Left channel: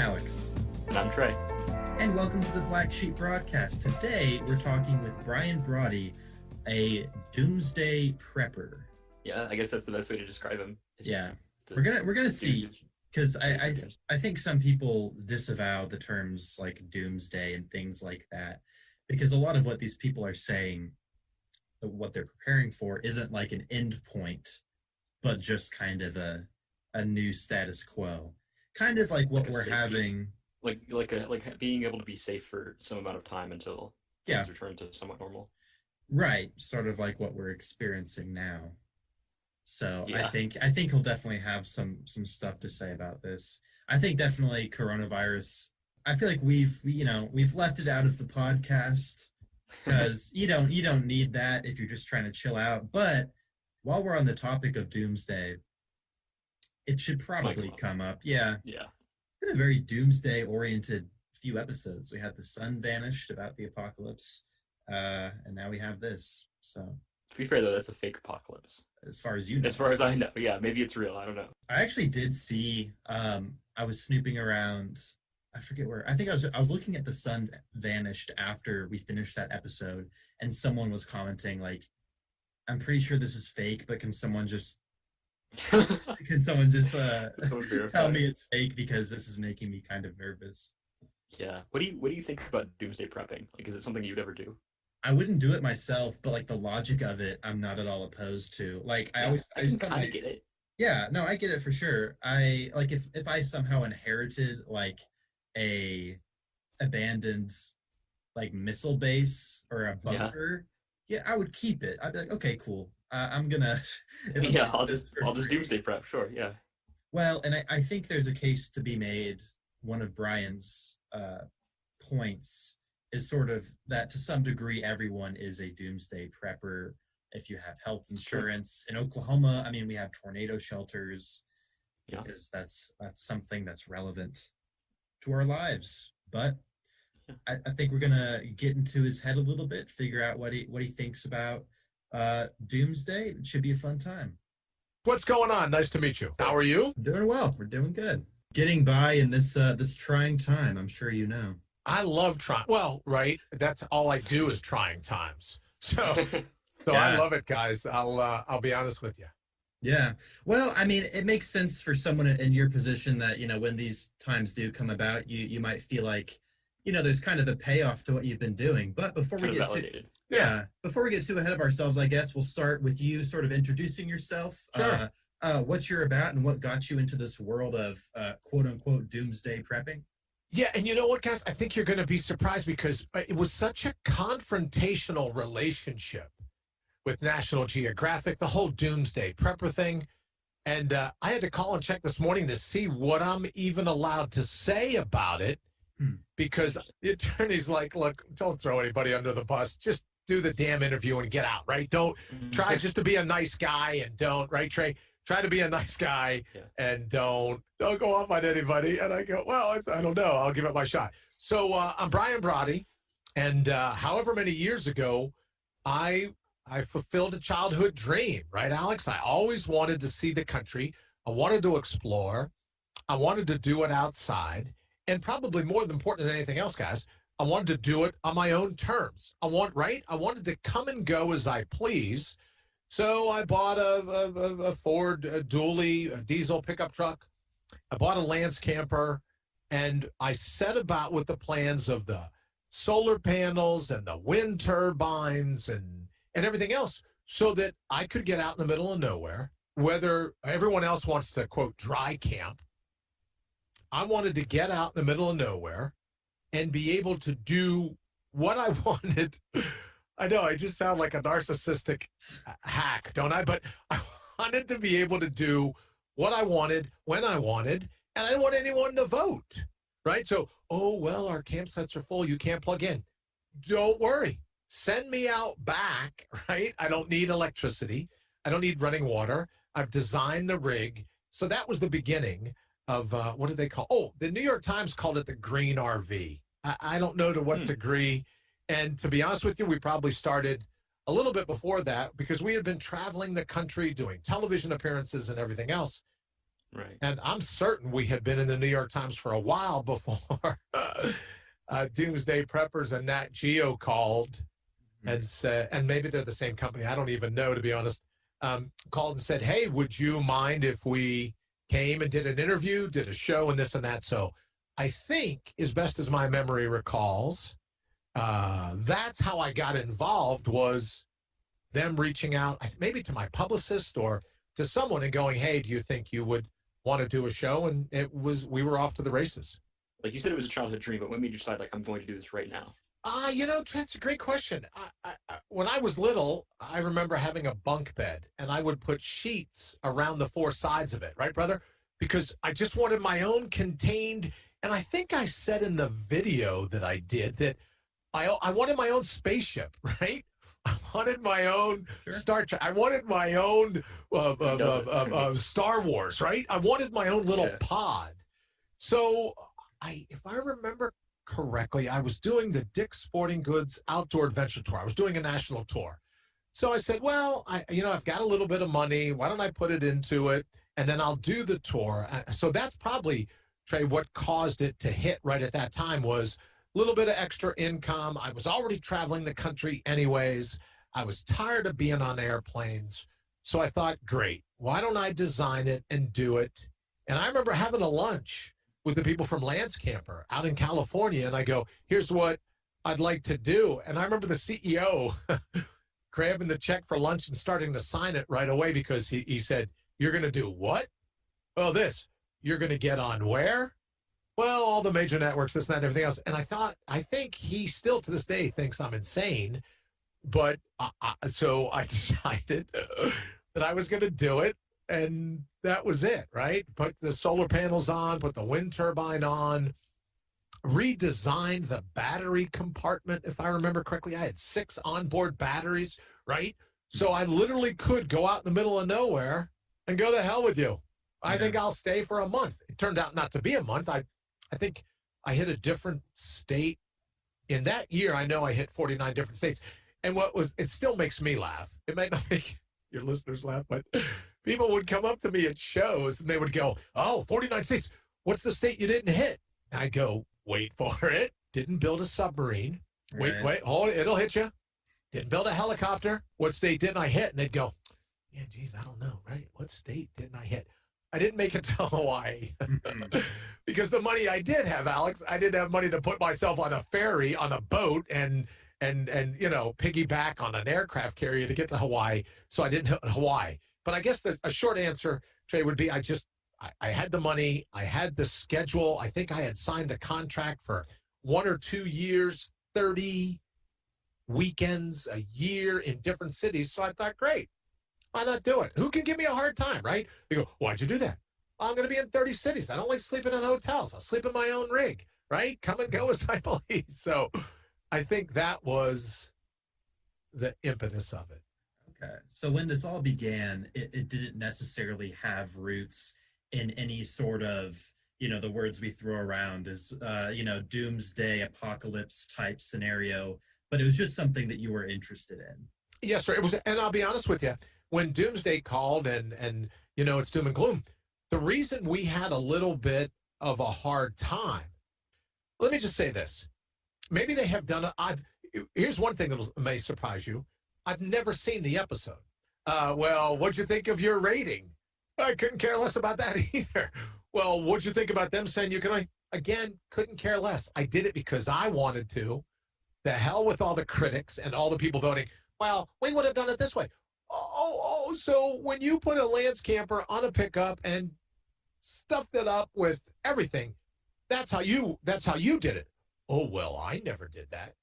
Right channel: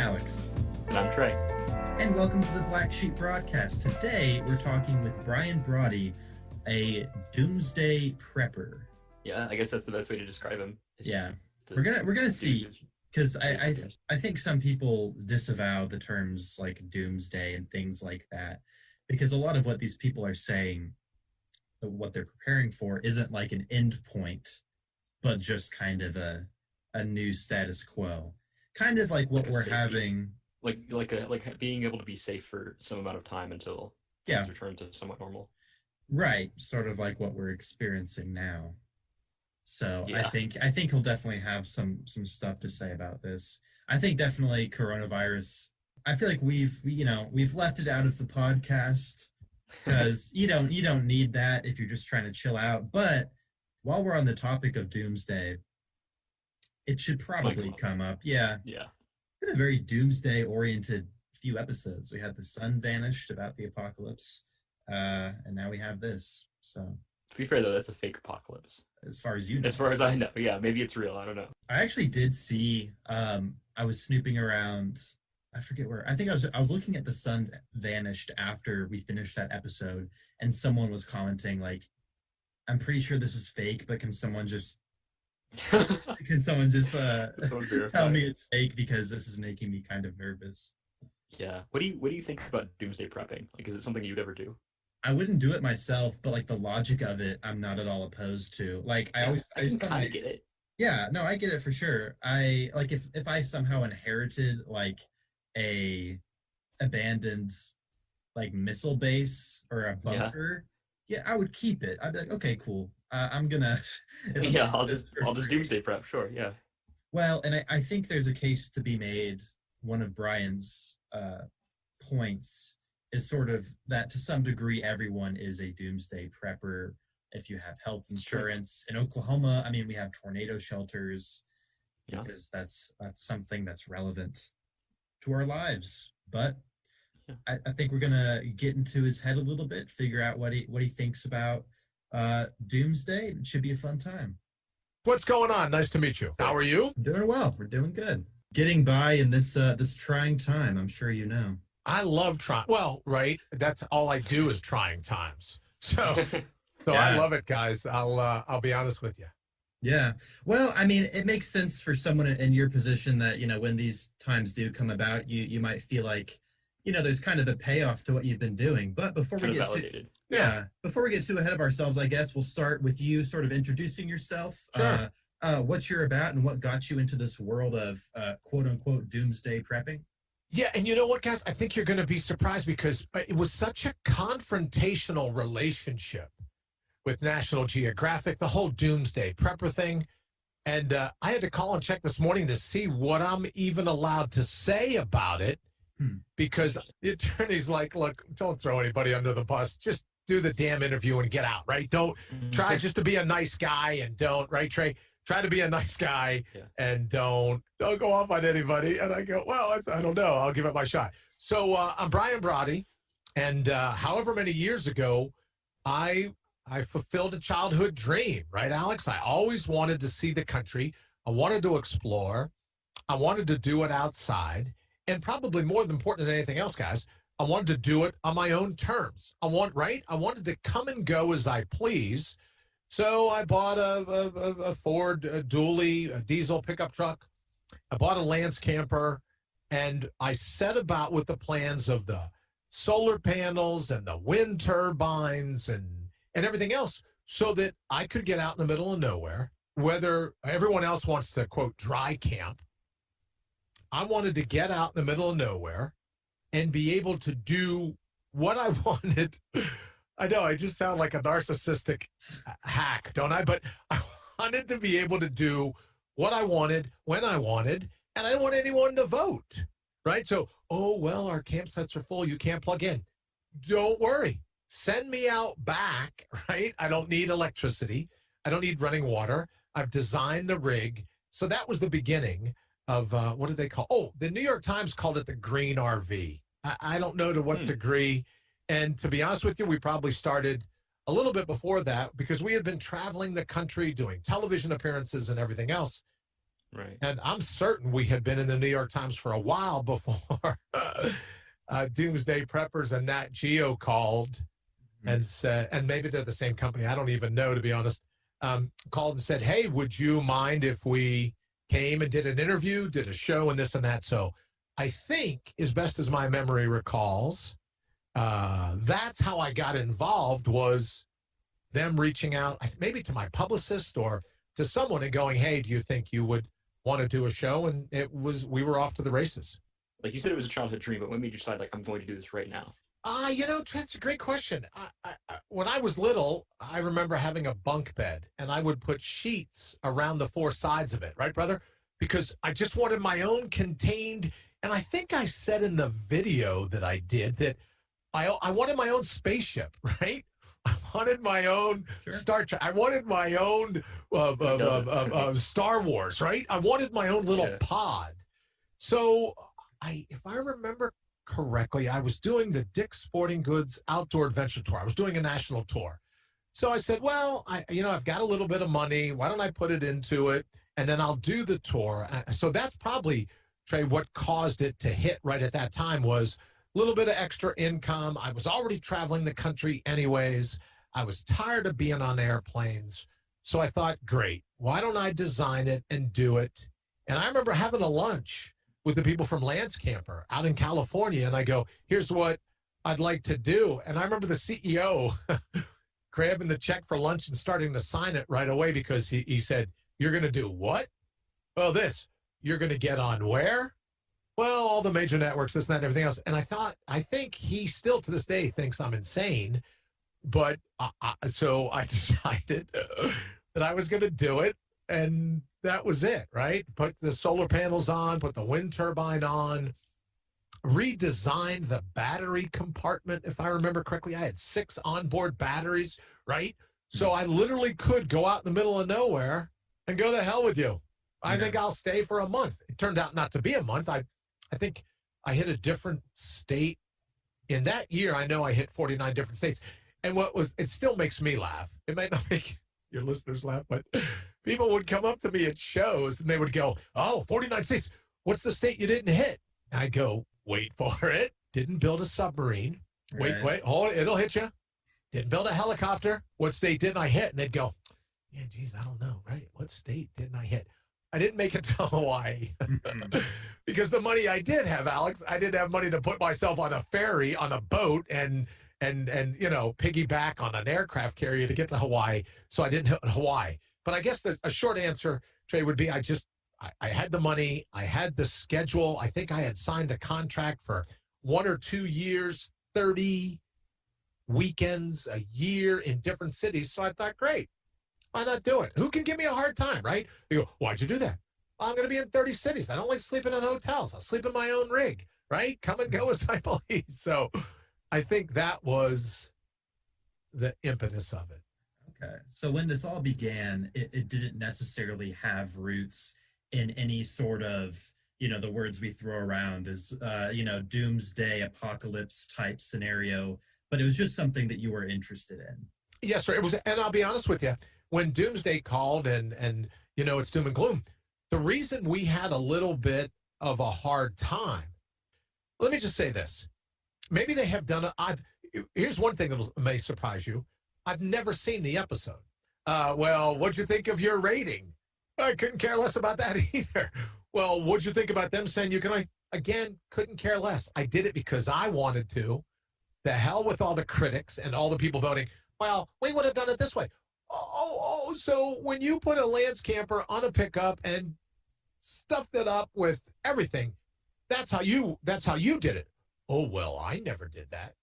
Alex. And I'm Trey. And welcome to the Black Sheep broadcast. Today, we're talking with Brian Brawdy, a Doomsday prepper. Yeah, I guess that's the best way to describe him. Yeah, we're gonna see, because I think some people disavow the terms like Doomsday and things like that, because a lot of what these people are saying, what they're preparing for, isn't like an end point, but just kind of a new status quo, kind of like what we're having. Like being able to be safe for some amount of time until things return to somewhat normal. Right, sort of like what we're experiencing now. So yeah. I think he'll definitely have some stuff to say about this. I think definitely coronavirus. I feel like we've left it out of the podcast because you don't need that if you're just trying to chill out. But while we're on the topic of Doomsday, it should probably come up. Yeah. Been a very doomsday-oriented few episodes. We had the sun vanished about the apocalypse, and now we have this. So, to be fair, though, that's a fake apocalypse. As far as you know. As far as I know, yeah, maybe it's real. I don't know. I actually did see. I was snooping around. I forget where. I think I was looking at the sun vanished after we finished that episode, and someone was commenting like, "I'm pretty sure this is fake, but can someone just tell me it's fake because this is making me kind of nervous." Yeah. What do you think about doomsday prepping? Like, is it something you'd ever do? I wouldn't do it myself, but like the logic of it, I'm not at all opposed to. Like I kind of get it. Yeah, no, I get it for sure. I like if I somehow inherited like a abandoned like missile base or a bunker, yeah, I would keep it. I'd be like, okay, cool. I'm gonna. I'll just doomsday prep. Sure, yeah. Well, and I think there's a case to be made. One of Brian's points is sort of that to some degree everyone is a doomsday prepper. If you have health insurance in Oklahoma, I mean, we have tornado shelters because that's something that's relevant to our lives. But I think we're gonna get into his head a little bit, figure out what he thinks about Doomsday. It should be a fun time. What's going on? Nice to meet you. How are you? I'm doing well. We're doing good. Getting by in this trying time. I'm sure you know. I love trying. Well, right. That's all I do is trying times. So I love it, guys. I'll be honest with you. Yeah. Well, I mean, it makes sense for someone in your position that, when these times do come about, you might feel like, there's kind of a payoff to what you've been doing. But before we get too ahead of ourselves, I guess we'll start with you sort of introducing yourself. Sure. What you're about and what got you into this world of quote unquote doomsday prepping. Yeah, and you know what, guys? I think you're going to be surprised because it was such a confrontational relationship with National Geographic, the whole doomsday prepper thing. And I had to call and check this morning to see what I'm even allowed to say about it because the attorney's like, look, don't throw anybody under the bus. Just do the damn interview and get out, right? Don't try just to be a nice guy and don't, right, Trey? Try to be a nice guy and don't go off on anybody. And I go, well, I don't know. I'll give it my shot. So I'm Brian Brawdy. And however many years ago, I fulfilled a childhood dream, right, Alex? I always wanted to see the country. I wanted to explore. I wanted to do it outside. And probably more important than anything else, guys, I wanted to do it on my own terms. I wanted to come and go as I please. So I bought a Ford dually, a diesel pickup truck. I bought a Lance camper, and I set about with the plans of the solar panels and the wind turbines and everything else so that I could get out in the middle of nowhere, whether everyone else wants to, quote, dry camp. I wanted to get out in the middle of nowhere and be able to do what I wanted. I know I just sound like a narcissistic hack, don't I? But I wanted to be able to do what I wanted, when I wanted, and I didn't want anyone to vote, right? So, our campsites are full. You can't plug in. Don't worry. Send me out back, right? I don't need electricity. I don't need running water. I've designed the rig. So that was the beginning of, what did they call? Oh, the New York Times called it the green RV. I don't know to what degree. And to be honest with you, we probably started a little bit before that because we had been traveling the country, doing television appearances and everything else. Right. And I'm certain we had been in the New York Times for a while before Doomsday Preppers and Nat Geo called and said, and maybe they're the same company, I don't even know, to be honest, called and said, hey, would you mind if we came and did an interview, did a show and this and that? So I think, as best as my memory recalls, that's how I got involved, was them reaching out, maybe to my publicist or to someone and going, hey, do you think you would want to do a show? And we were off to the races. Like you said, it was a childhood dream, but what made you decide, like, I'm going to do this right now? That's a great question. When I was little, I remember having a bunk bed, and I would put sheets around the four sides of it, right, brother? Because I just wanted my own contained, and I think I said in the video that I did that I wanted my own spaceship, right? I wanted my own Star Trek. I wanted my own Star Wars, right? I wanted my own little pod. So if I remember correctly, I was doing the Dick's Sporting Goods Outdoor Adventure Tour. I was doing a national tour. So I said, well, I've got a little bit of money. Why don't I put it into it? And then I'll do the tour. So that's probably, Trey, what caused it to hit right at that time was a little bit of extra income. I was already traveling the country anyways. I was tired of being on airplanes. So I thought, great, why don't I design it and do it? And I remember having a lunch with the people from Lance Camper out in California. And I go, here's what I'd like to do. And I remember the CEO grabbing the check for lunch and starting to sign it right away, because he said, you're going to do what? Well, this. You're going to get on where? Well, all the major networks, this, that, and everything else. And I think he still to this day thinks I'm insane. But so I decided that I was going to do it. And that was it, right? Put the solar panels on, put the wind turbine on, redesigned the battery compartment. If I remember correctly, I had 6 onboard batteries, right? So I literally could go out in the middle of nowhere and go the hell with you. I think I'll stay for a month. It turned out not to be a month. I think I hit a different state. In that year, I know I hit 49 different states. And it still makes me laugh. It might not make your listeners laugh, but people would come up to me at shows and they would go, 49 states. What's the state you didn't hit? And I go, wait for it. Didn't build a submarine. Right. Wait, hold it. It'll hit you. Didn't build a helicopter. What state didn't I hit? And they'd go, yeah, geez, I don't know, right? What state didn't I hit? I didn't make it to Hawaii because the money I did have, Alex, I didn't have money to put myself on a ferry, on a boat, and piggyback on an aircraft carrier to get to Hawaii. So I didn't hit Hawaii. But I guess a short answer, Trey, would be I had the money. I had the schedule. I think I had signed a contract for 1 or 2 years, 30 weekends a year in different cities. So I thought, great. Why not do it? Who can give me a hard time, right? They go, why'd you do that? Well, I'm going to be in 30 cities. I don't like sleeping in hotels. I'll sleep in my own rig, right? Come and go as I please. So I think that was the impetus of it. Okay. So when this all began, it didn't necessarily have roots in any sort of, the words we throw around as, doomsday apocalypse type scenario, but it was just something that you were interested in. Yes, sir. It was, and I'll be honest with you, when Doomsday called and it's doom and gloom, the reason we had a little bit of a hard time, let me just say this. Maybe they have done here's one thing that may surprise you. I've never seen the episode. Well, what'd you think of your rating? I couldn't care less about that either. Well, what'd you think about them saying you can? Again, couldn't care less. I did it because I wanted to. The hell with all the critics and all the people voting. Well, we would have done it this way. So when you put a Lance camper on a pickup and stuffed it up with everything, that's how you did it. Oh, well, I never did that.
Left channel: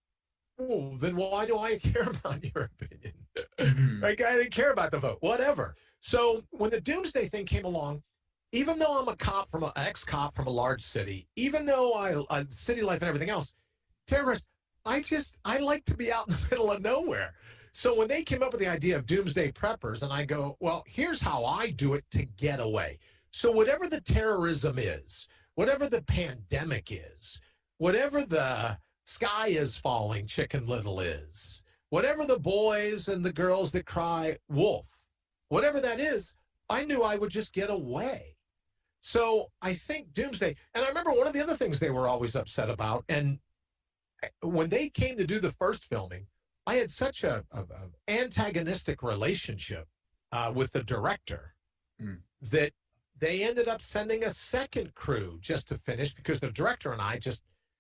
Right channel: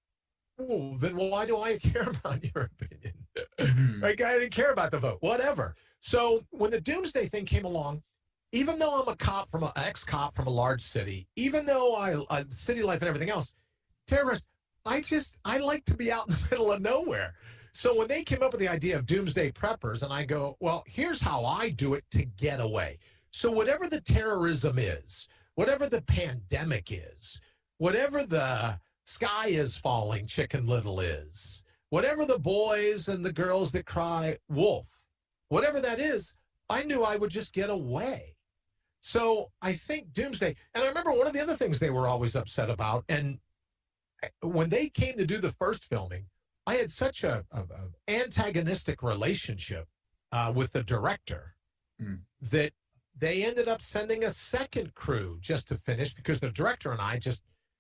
Oh, then why do I care about your opinion? Like, I didn't care about the vote, whatever. So when the Doomsday thing came along, even though I'm an ex-cop from a large city, even though I city life and everything else, terrorist, I like to be out in the middle of nowhere. So when they came up with the idea of Doomsday Preppers, and I go, well, here's how I do it to get away. So whatever the terrorism is, whatever the pandemic is, whatever the sky is falling, Chicken Little is, whatever the boys and the girls that cry wolf, whatever that is, I knew I would just get away. So I think Doomsday, and I remember one of the other things they were always upset about, and when they came to do the first filming, I had such a antagonistic relationship with the director that they ended up sending a second crew just to finish because the director and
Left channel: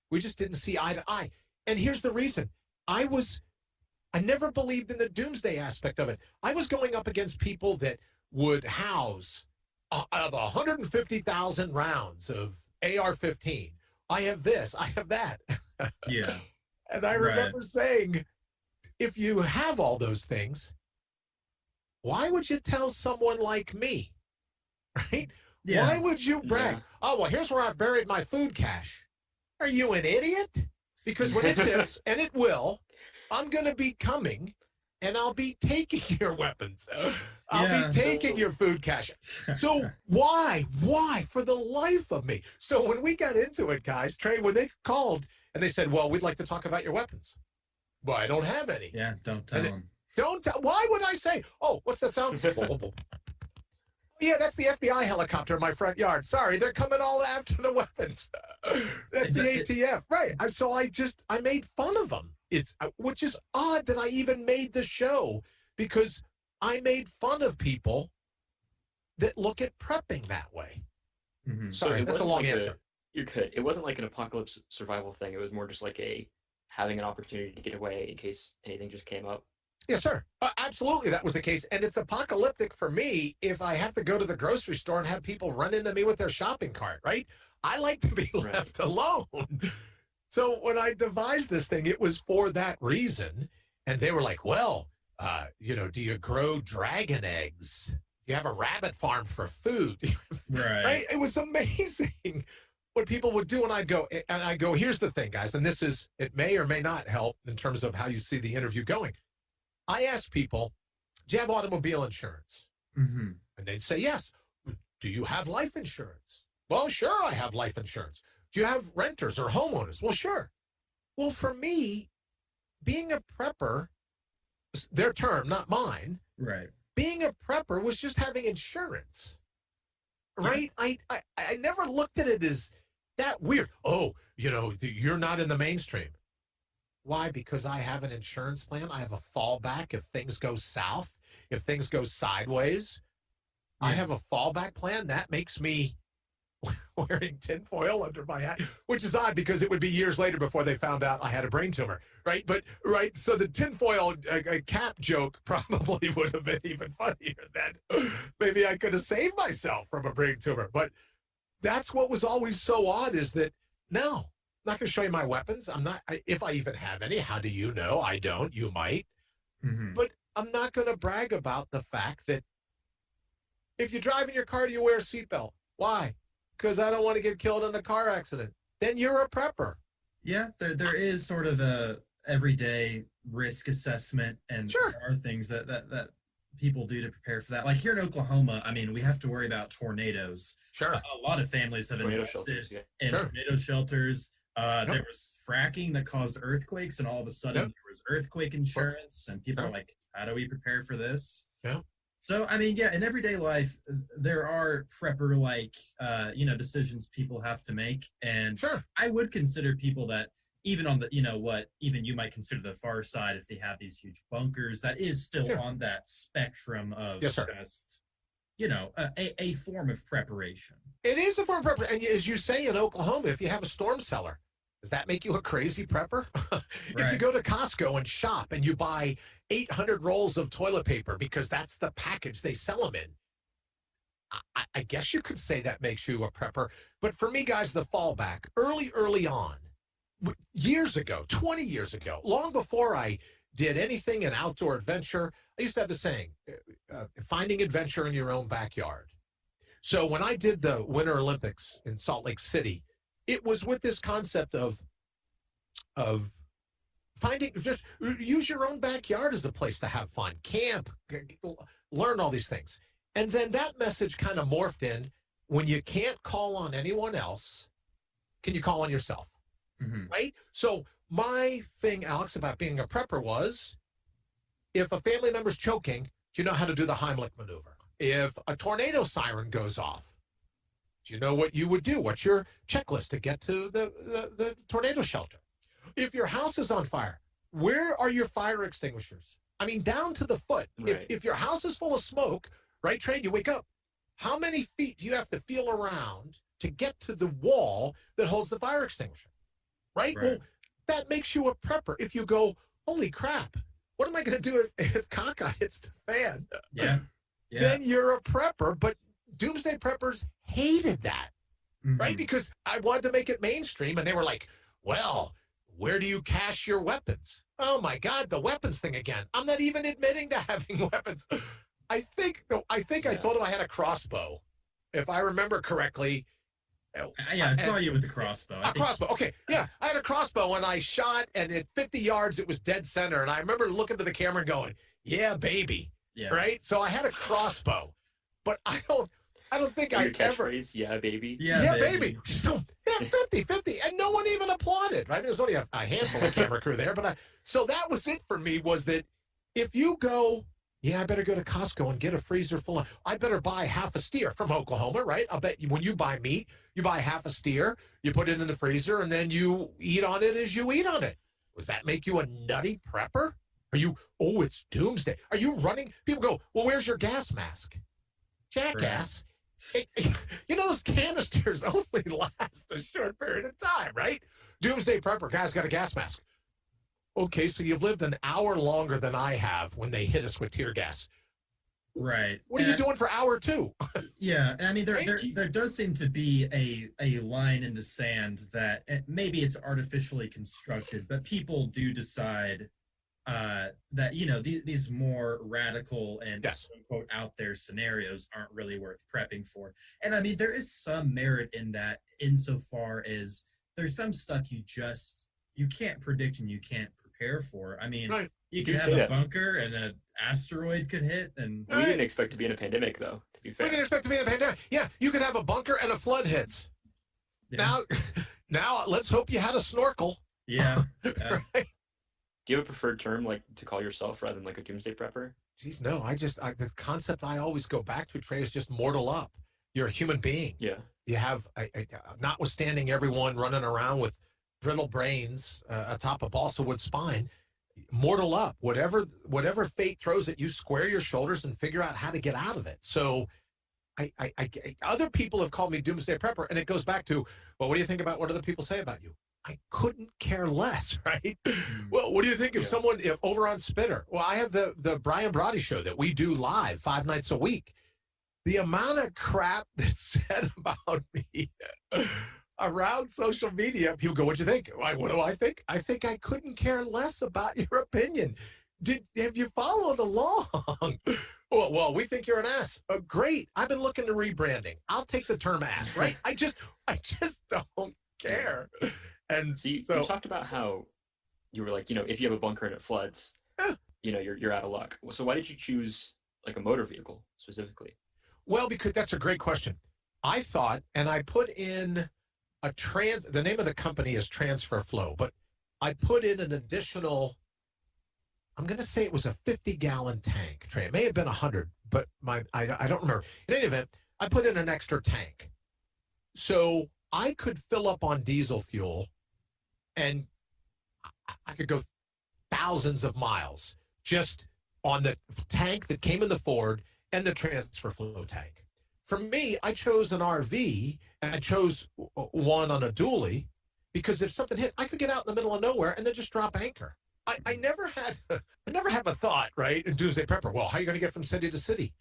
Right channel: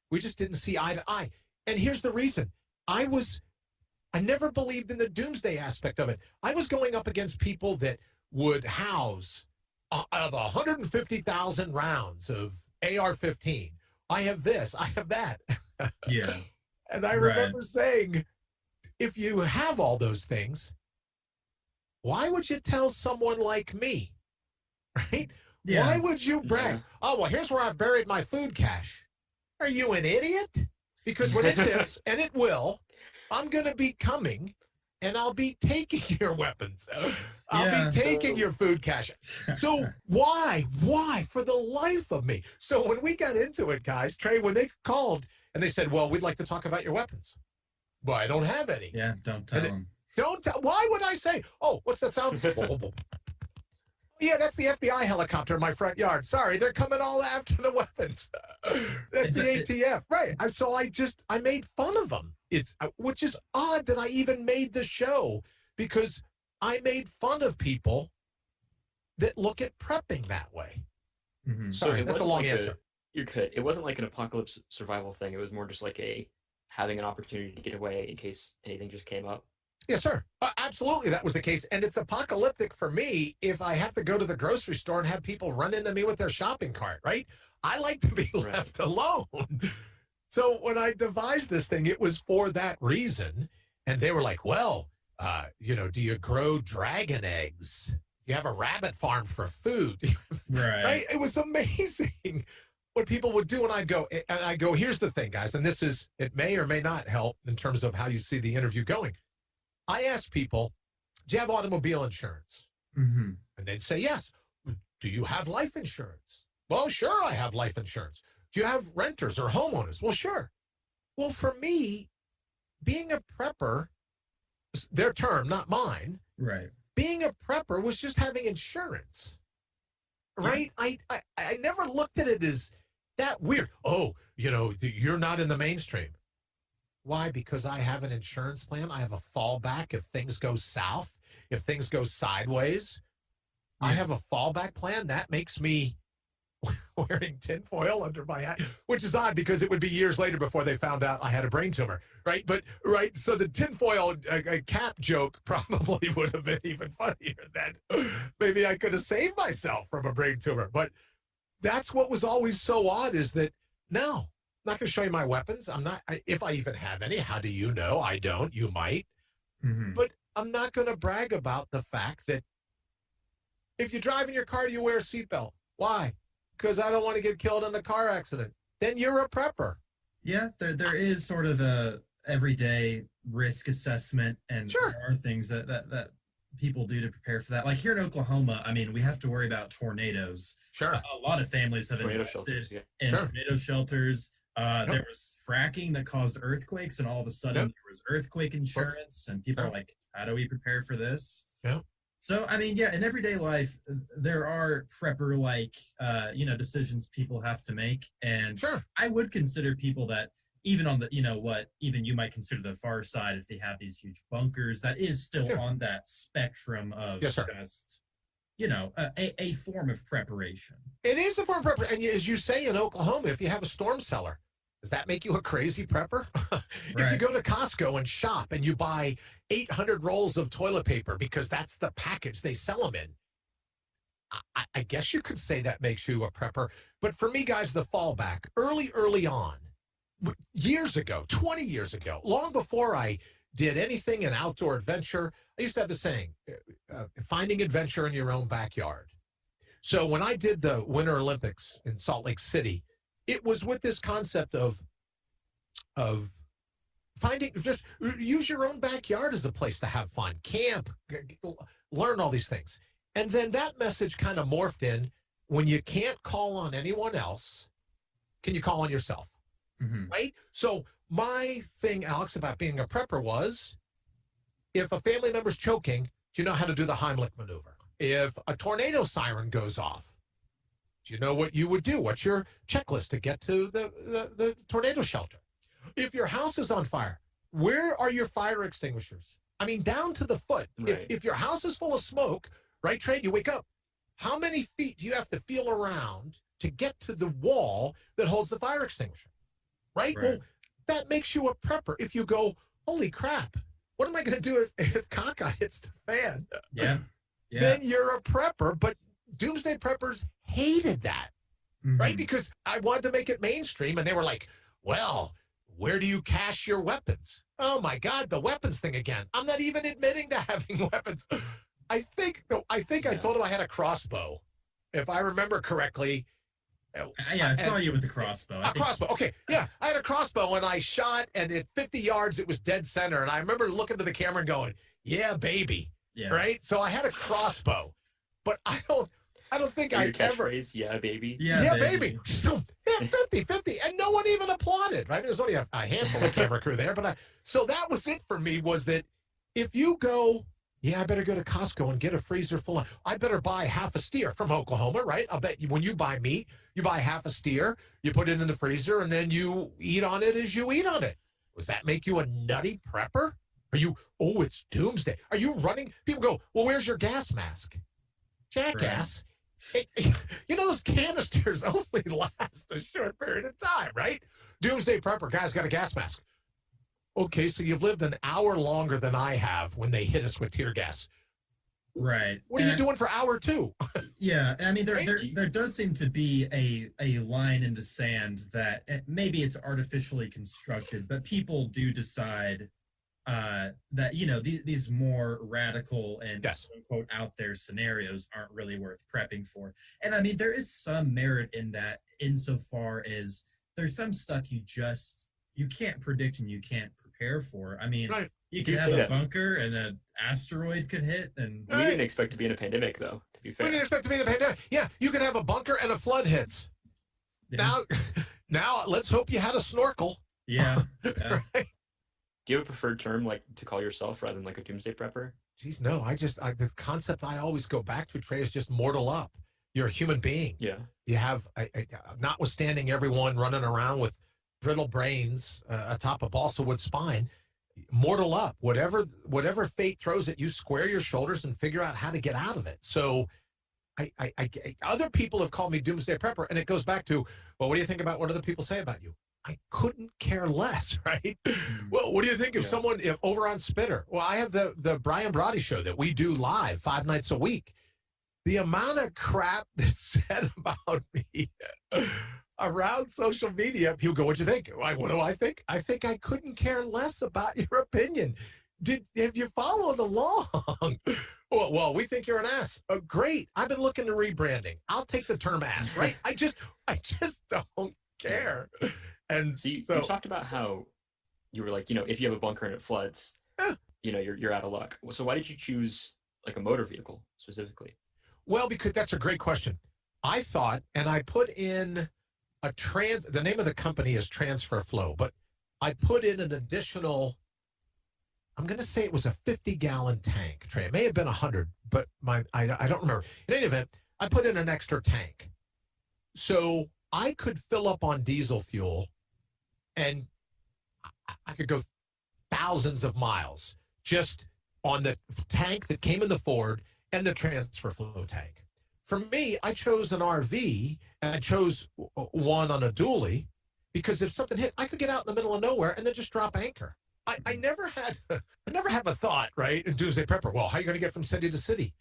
we just didn't see eye to eye. And here's the reason. I never believed in the Doomsday aspect of it. I was going up against people that would house out of 150,000 rounds of AR-15. I have this, I have that. Yeah. And I remember saying, if you have all those things, why would you tell someone like me? Right? Yeah. Why would you brag? Yeah. Oh, well, here's where I've buried my food cache. Are you an idiot? Because when it tips, and it will, I'm going to be coming, and I'll be taking your weapons. I'll be taking your food cache. So why? For the life of me. So when we got into it, guys, Trey, when they called and they said, well, we'd like to talk about your weapons. Well, I don't have any. Yeah, don't tell them. Don't tell. Why would I say, oh, what's that sound? Yeah, that's the FBI helicopter in my front yard. Sorry, they're coming all after the weapons. That's the ATF. Right. So I made fun of them. Which is odd that I even made the show because I made fun of people that look at prepping that way. Mm-hmm. Sorry, that's a long answer. You're good. It wasn't like an apocalypse survival thing. It was more just like having an opportunity to get away in case anything just came up. Yes, sir. Absolutely, that was the case. And it's apocalyptic for me if I have to go to the grocery store and have people run into me with their shopping cart, right? I like to be left alone. So when I devised this thing, it was for that reason. And they were like, well, do you grow dragon eggs? You have a rabbit farm for food. Right? It was amazing what people would do. And I go, here's the thing, guys. And it may or may not help in terms of how you see the interview going. I asked people, do you have automobile insurance? Mm-hmm. And they'd say, yes. Do you have life insurance? Well, sure, I have life insurance. Do you have renters or homeowners? Well, sure. Well, for me, being a prepper, their term, not mine. Right. Being a prepper was just having insurance. Right? Yeah. I never looked at it as that weird. Oh, you're not in the mainstream. Why? Because I have an insurance plan. I have a fallback if things go south, if things go sideways. Yeah. I have a fallback plan. That makes me wearing tinfoil under my hat, which is odd because it would be years later before they found out I had a brain tumor, right? So the tinfoil cap joke probably would have been even funnier then. Maybe I could have saved myself from a brain tumor. But that's what was always so odd is that, no, I'm not going to show you my weapons. I'm not, if I even have any. How do you know? I don't. You might. Mm-hmm. But I'm not going to brag about the fact that if you drive in your car, do you wear a seatbelt? Why? Because I don't want to get killed in a car accident. Then you're a prepper. Yeah, there is sort of a everyday risk assessment, and sure. There are things that people do to prepare for that. Like here in Oklahoma, I mean, we have to worry about tornadoes. Sure. A lot of families have invested in tornado shelters. There was fracking that caused earthquakes, and all of a sudden there was earthquake insurance, and people are like, how do we prepare for this? Yeah. So, I mean, yeah, in everyday life, there are prepper-like, decisions people have to make. And sure. I would consider people that even on the, even you might consider the far side if they have these huge bunkers, that is still on that spectrum of just, a form of preparation. It is a form of preparation. And as you say in Oklahoma, if you have a storm cellar, does that make you a crazy prepper? If you go to Costco and shop and you buy 800 rolls of toilet paper because that's the package they sell them in, I guess you could say that makes you a prepper. But for me, guys, the fallback, early on, years ago, 20 years ago, long before I did anything in outdoor adventure, I used to have the saying, finding adventure in your own backyard. So when I did the Winter Olympics in Salt Lake City, it was with this concept of finding, just use your own backyard as a place to have fun, camp, learn all these things. And then that message kind of morphed in, when you can't call on anyone else, can you call on yourself? Mm-hmm. Right? So my thing, Alex, about being a prepper was, if a family member's choking, do you know how to do the Heimlich maneuver? If a tornado siren goes off, Do you know what you would do? What's your checklist to get to the tornado shelter? If your house is on fire, where are your fire extinguishers? I mean, down to the foot. Right. If your house is full of smoke, right, Trey, you wake up. How many feet do you have to feel around to get to the wall that holds the fire extinguisher? Right? Well, that makes you a prepper. If you go, holy crap, what am I going to do if caca hits the fan? Yeah. Then you're a prepper. But doomsday preppers hated that, right? Because I wanted to make it mainstream, and they were like, well, where do you cache your weapons? Oh, my God, the weapons thing again. I'm not even admitting to having weapons. I think I told him I had a crossbow, if I remember correctly. Yeah, I saw you with the crossbow. Crossbow. Okay, yeah, I had a crossbow and I shot, and at 50 yards it was dead center. And I remember looking to the camera and going, "Yeah, baby." Yeah. Right. So I had a crossbow, but I don't think so I ever. Yeah, baby. Yeah, baby. So, 50, and no one even applauded. Right? There's only a handful of camera crew there, but so that was it for me. Was that if you go. Yeah, I better go to Costco and get a freezer full of. I better buy half a steer from Oklahoma, right? I'll bet you when you buy meat, you buy half a steer, you put it in the freezer, and then you eat on it as you eat on it. Does that make you a nutty prepper? Are you, oh, it's doomsday. Are you running? People go, well, where's your gas mask? Jackass. Right. Those canisters only last a short period of time, right? Doomsday prepper, guy's got a gas mask. Okay, so you've lived an hour longer than I have when they hit us with tear gas. Right. What are you doing for hour two? Yeah, I mean, there does seem to be a line in the sand that maybe it's artificially constructed, but people do decide that, these more radical and quote out there scenarios aren't really worth prepping for. And I mean, there is some merit in that insofar as there's some stuff you can't predict and you can't prepare for. I mean, you could have a bunker and an asteroid could hit, and we didn't expect to be in a pandemic, though. To be fair, we didn't expect to be in a pandemic. Yeah, you could have a bunker and a flood hits. Yeah. Now, let's hope you had a snorkel. Yeah. Right? Do you have a preferred term, like to call yourself, rather than like a doomsday prepper? Geez, no. The concept I always go back to, Trey, is just mortal up. You're a human being. Yeah. You have, notwithstanding everyone running around with brittle brains atop a balsa wood spine, mortal up. Whatever fate throws at you, square your shoulders and figure out how to get out of it. So other people have called me doomsday prepper, and it goes back to, well, what do you think about what other people say about you? I couldn't care less, right? Well, what do you think if if over on Spitter? Well, I have the Brian Brawdy Show that we do live 5 nights a week. The amount of crap that's said about me around social media, people go, what'd you think? What do I think? I think I couldn't care less about your opinion. Have you followed along? Well, we think you're an ass. Great. I've been looking to rebranding. I'll take the term ass, right? I just don't care. And so you talked about how you were like, if you have a bunker and it floods, you're out of luck. So why did you choose like a motor vehicle specifically? Well, because that's a great question. I thought, and I put in the name of the company is Transfer Flow, but I put in an additional, I'm going to say it was a 50-gallon tank, Trey. It may have been 100, but I don't remember. In any event, I put in an extra tank. So I could fill up on diesel fuel, and I could go thousands of miles just on the tank that came in the Ford and the Transfer Flow tank. For me, I chose an RV, and I chose one on a dually because if something hit, I could get out in the middle of nowhere and then just drop anchor. I never have a thought, right? And Doomsday Prepper, well, how are you going to get from city to city?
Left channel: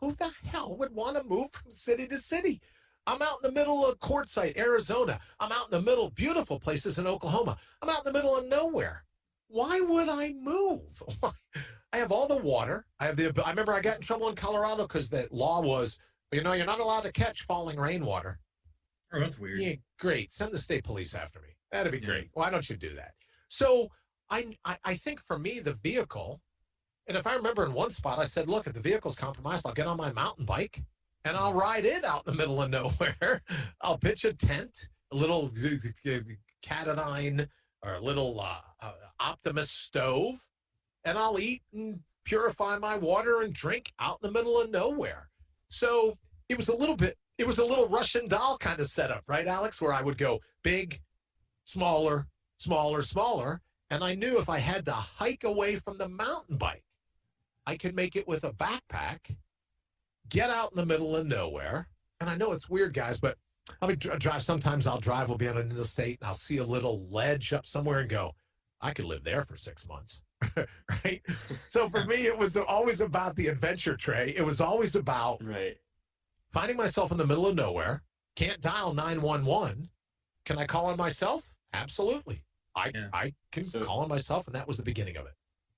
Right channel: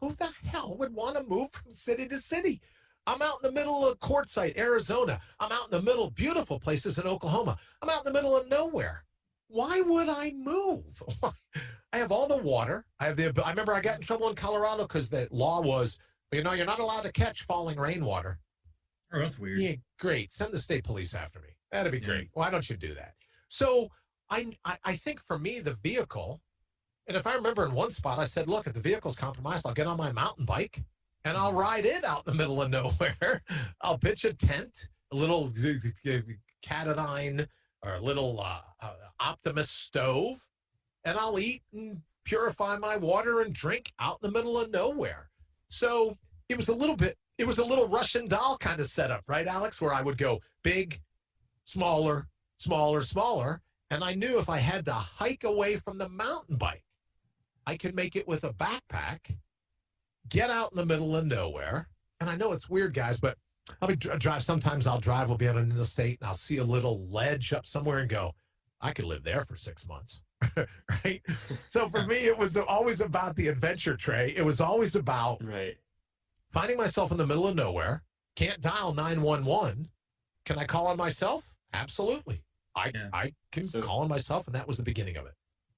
Who the hell would want to move from city to city? I'm out in the middle of Quartzsite, Arizona. I'm out in the middle of beautiful places in Oklahoma. I'm out in the middle of nowhere. Why would I move? I have all the water. I remember I got in trouble in Colorado because the law was, you're not allowed to catch falling rainwater. Oh, that's weird. Yeah, great. Send the state police after me. That'd be great. Why don't you do that? So I think for me, the vehicle, and if I remember in one spot, I said, look, if the vehicle's compromised, I'll get on my mountain bike and I'll ride it out in the middle of nowhere. I'll pitch a tent, a little Catadine or a little Optimus stove, and I'll eat and purify my water and drink out in the middle of nowhere. So it was a little bit it was a little Russian doll kind of setup, right, Alex? Where I would go big, smaller, smaller, smaller. And I knew if I had to hike away from the mountain bike, I could make it with a backpack, get out in the middle of nowhere. And I know it's weird, guys, but I'll be drive. Sometimes I'll drive, we'll be on an interstate, and I'll see a little ledge up somewhere and go, I could live there for 6 months. Right? So for me, it was always about the adventure, Trey. It was always about finding myself in the middle of nowhere. Can't dial 911. Can I call on myself? Absolutely. I can call on myself, and that was the beginning of it.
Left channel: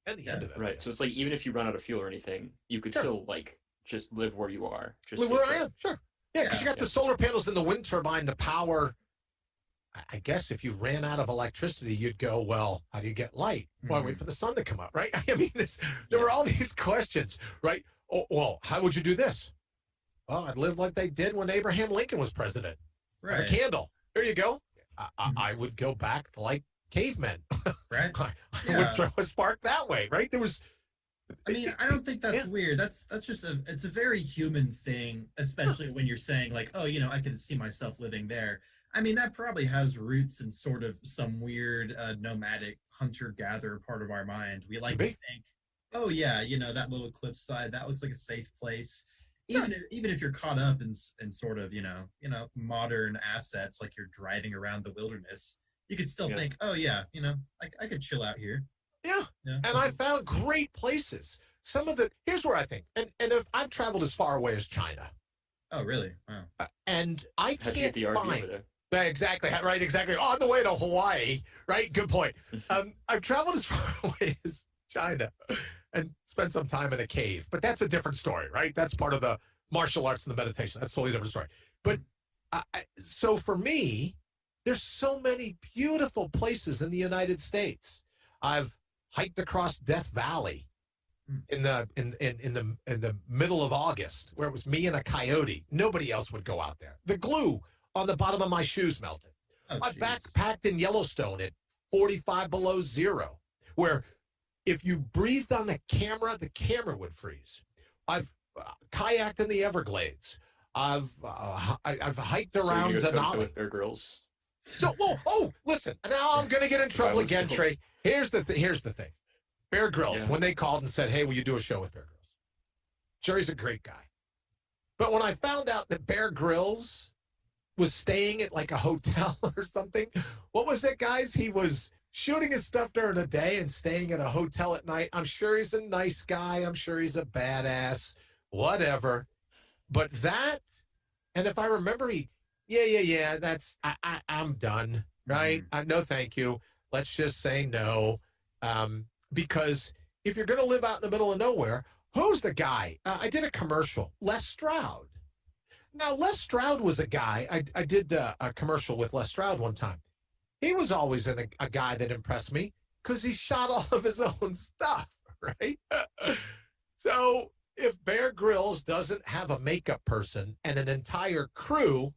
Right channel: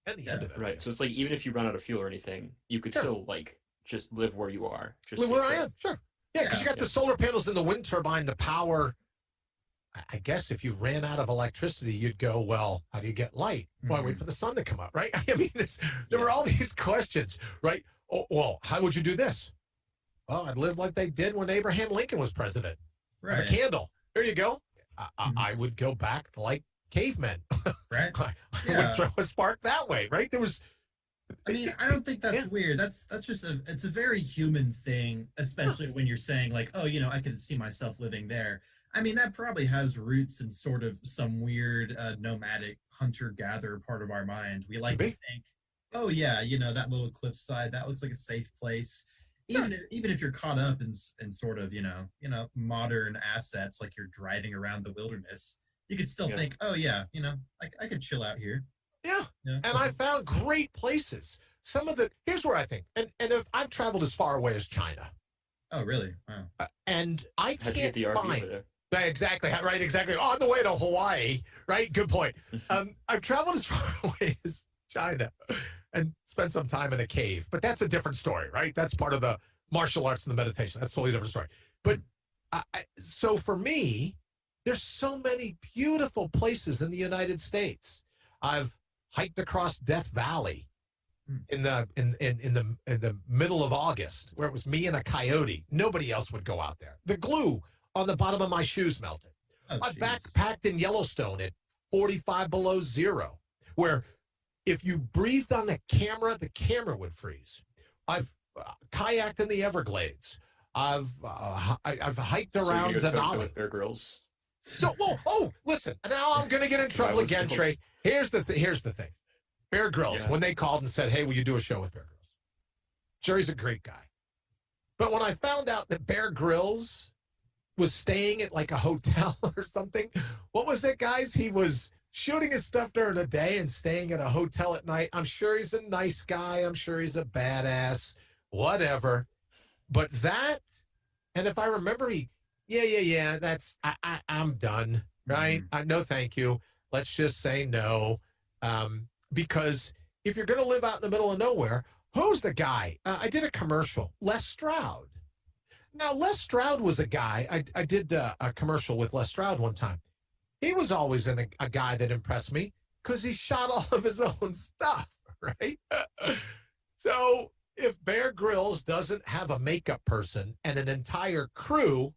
And the end of it. Right. So it's like, even if you run out of fuel or anything, you could still like just live where you are. Just live where I am. Sure. Yeah, because you got the solar panels and the wind turbine to power. I guess if you ran out of electricity, you'd go, well, how do you get light? Well, wait for the sun to come up, right? I mean, there were all these questions, right? Oh, well, how would you do this? Well, I'd live like they did when Abraham Lincoln was president. Right. A candle. There you go. I would go back to like cavemen. Right. I would throw a spark that way, right? There was. I mean, I don't think that's weird. That's just it's a very human thing, especially when you're saying like, oh, I could see myself living there. I mean, that probably has roots in sort of some weird nomadic hunter-gatherer part of our mind. We like to think, oh yeah, that little cliffside, that looks like a safe place. Even if you're caught up in sort of modern assets, like you're driving around the wilderness, you could still think, oh yeah, I could chill out here. Yeah. And I found great places. Here's where I think, and if I've traveled as far away as China. Oh, really? Wow. And I How'd can't you get the RV find. over there? Exactly, right, exactly. On the way to Hawaii, right? Good point. I've traveled as far away as China and spent some time in a cave, but that's a different story, right? That's part of the martial arts and the meditation. That's a totally different story. But so for me, there's so many beautiful places in the United States. I've hiked across Death Valley in the middle of August, where it was me and a coyote. Nobody else would go out there. The glue on the bottom of my shoes melted. I backpacked in Yellowstone at 45 below zero, where if you breathed on the camera would freeze. I've kayaked in the Everglades. I've hiked around Denali. With Bear Grylls. So, listen. Now I'm going to get in trouble again, Trey. Here's the thing. Bear Grylls, when they called and said, hey, will you do a show with Bear Grylls? Jerry's a great guy. But when I found out that Bear Grylls was staying at like a hotel or something, what was it, guys? He was shooting his stuff during the day and staying at a hotel at night. I'm sure he's a nice guy. I'm sure he's a badass, whatever. But that, and if I remember, I'm done, right? No, thank you. Let's just say no. Because if you're going to live out in the middle of nowhere, who's the guy? I did a commercial, Les Stroud. Now, Les Stroud was a guy, I did a commercial with Les Stroud one time. He was always a guy that impressed me because he shot all of his own stuff, right? So if Bear Grylls doesn't have a makeup person and an entire crew,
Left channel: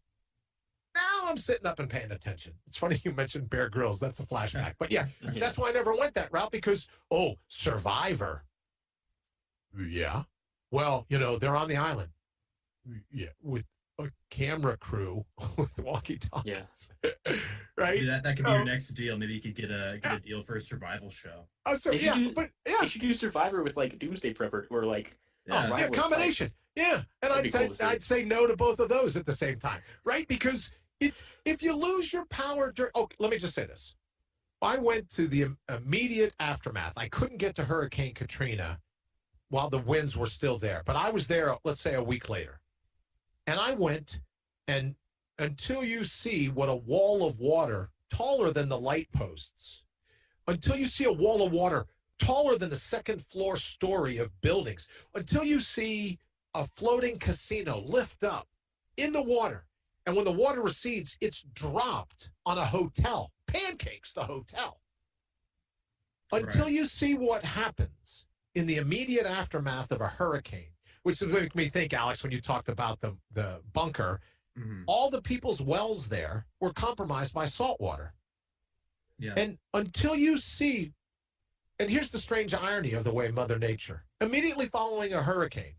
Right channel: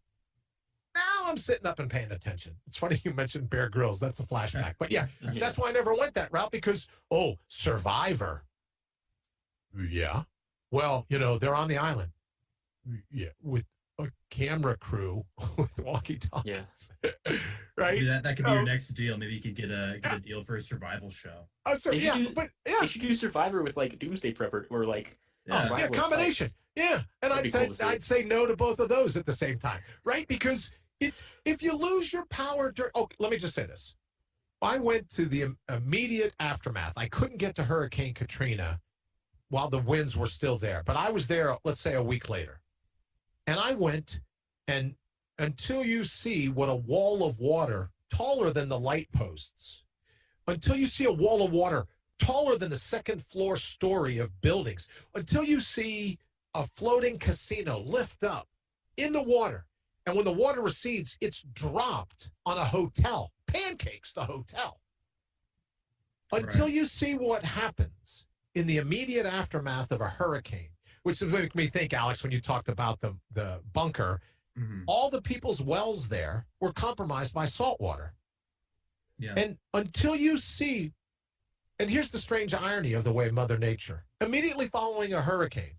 now I'm sitting up and paying attention. It's funny you mentioned Bear Grylls. That's a flashback. But that's why I never went that route because, Survivor. Yeah. Well, they're on the island. Yeah, with a camera crew with walkie-talkies. Yeah. Right? Maybe that could be your next deal. Maybe you could get a deal for a survival show. They should do Survivor with like Doomsday Prepper or like combination. Yeah. And I'd say no to both of those at the same time. Right? Because if you lose your power let me just say this. I went to the immediate aftermath. I couldn't get to Hurricane Katrina while the winds were still there. But I was there, let's say, a week later. And I went, and until you see what a wall of water taller than the light posts, until you see a wall of water taller than the second floor story of buildings, until you see a floating casino lift up in the water, and when the water recedes, it's dropped on a hotel, pancakes the hotel. Until you see what happens in the immediate aftermath of a hurricane, which is making me think, Alex, when you talked about the bunker, all the people's wells there were compromised by salt water. Yeah. And until you see, and here's the strange irony of the way Mother Nature, immediately following a hurricane,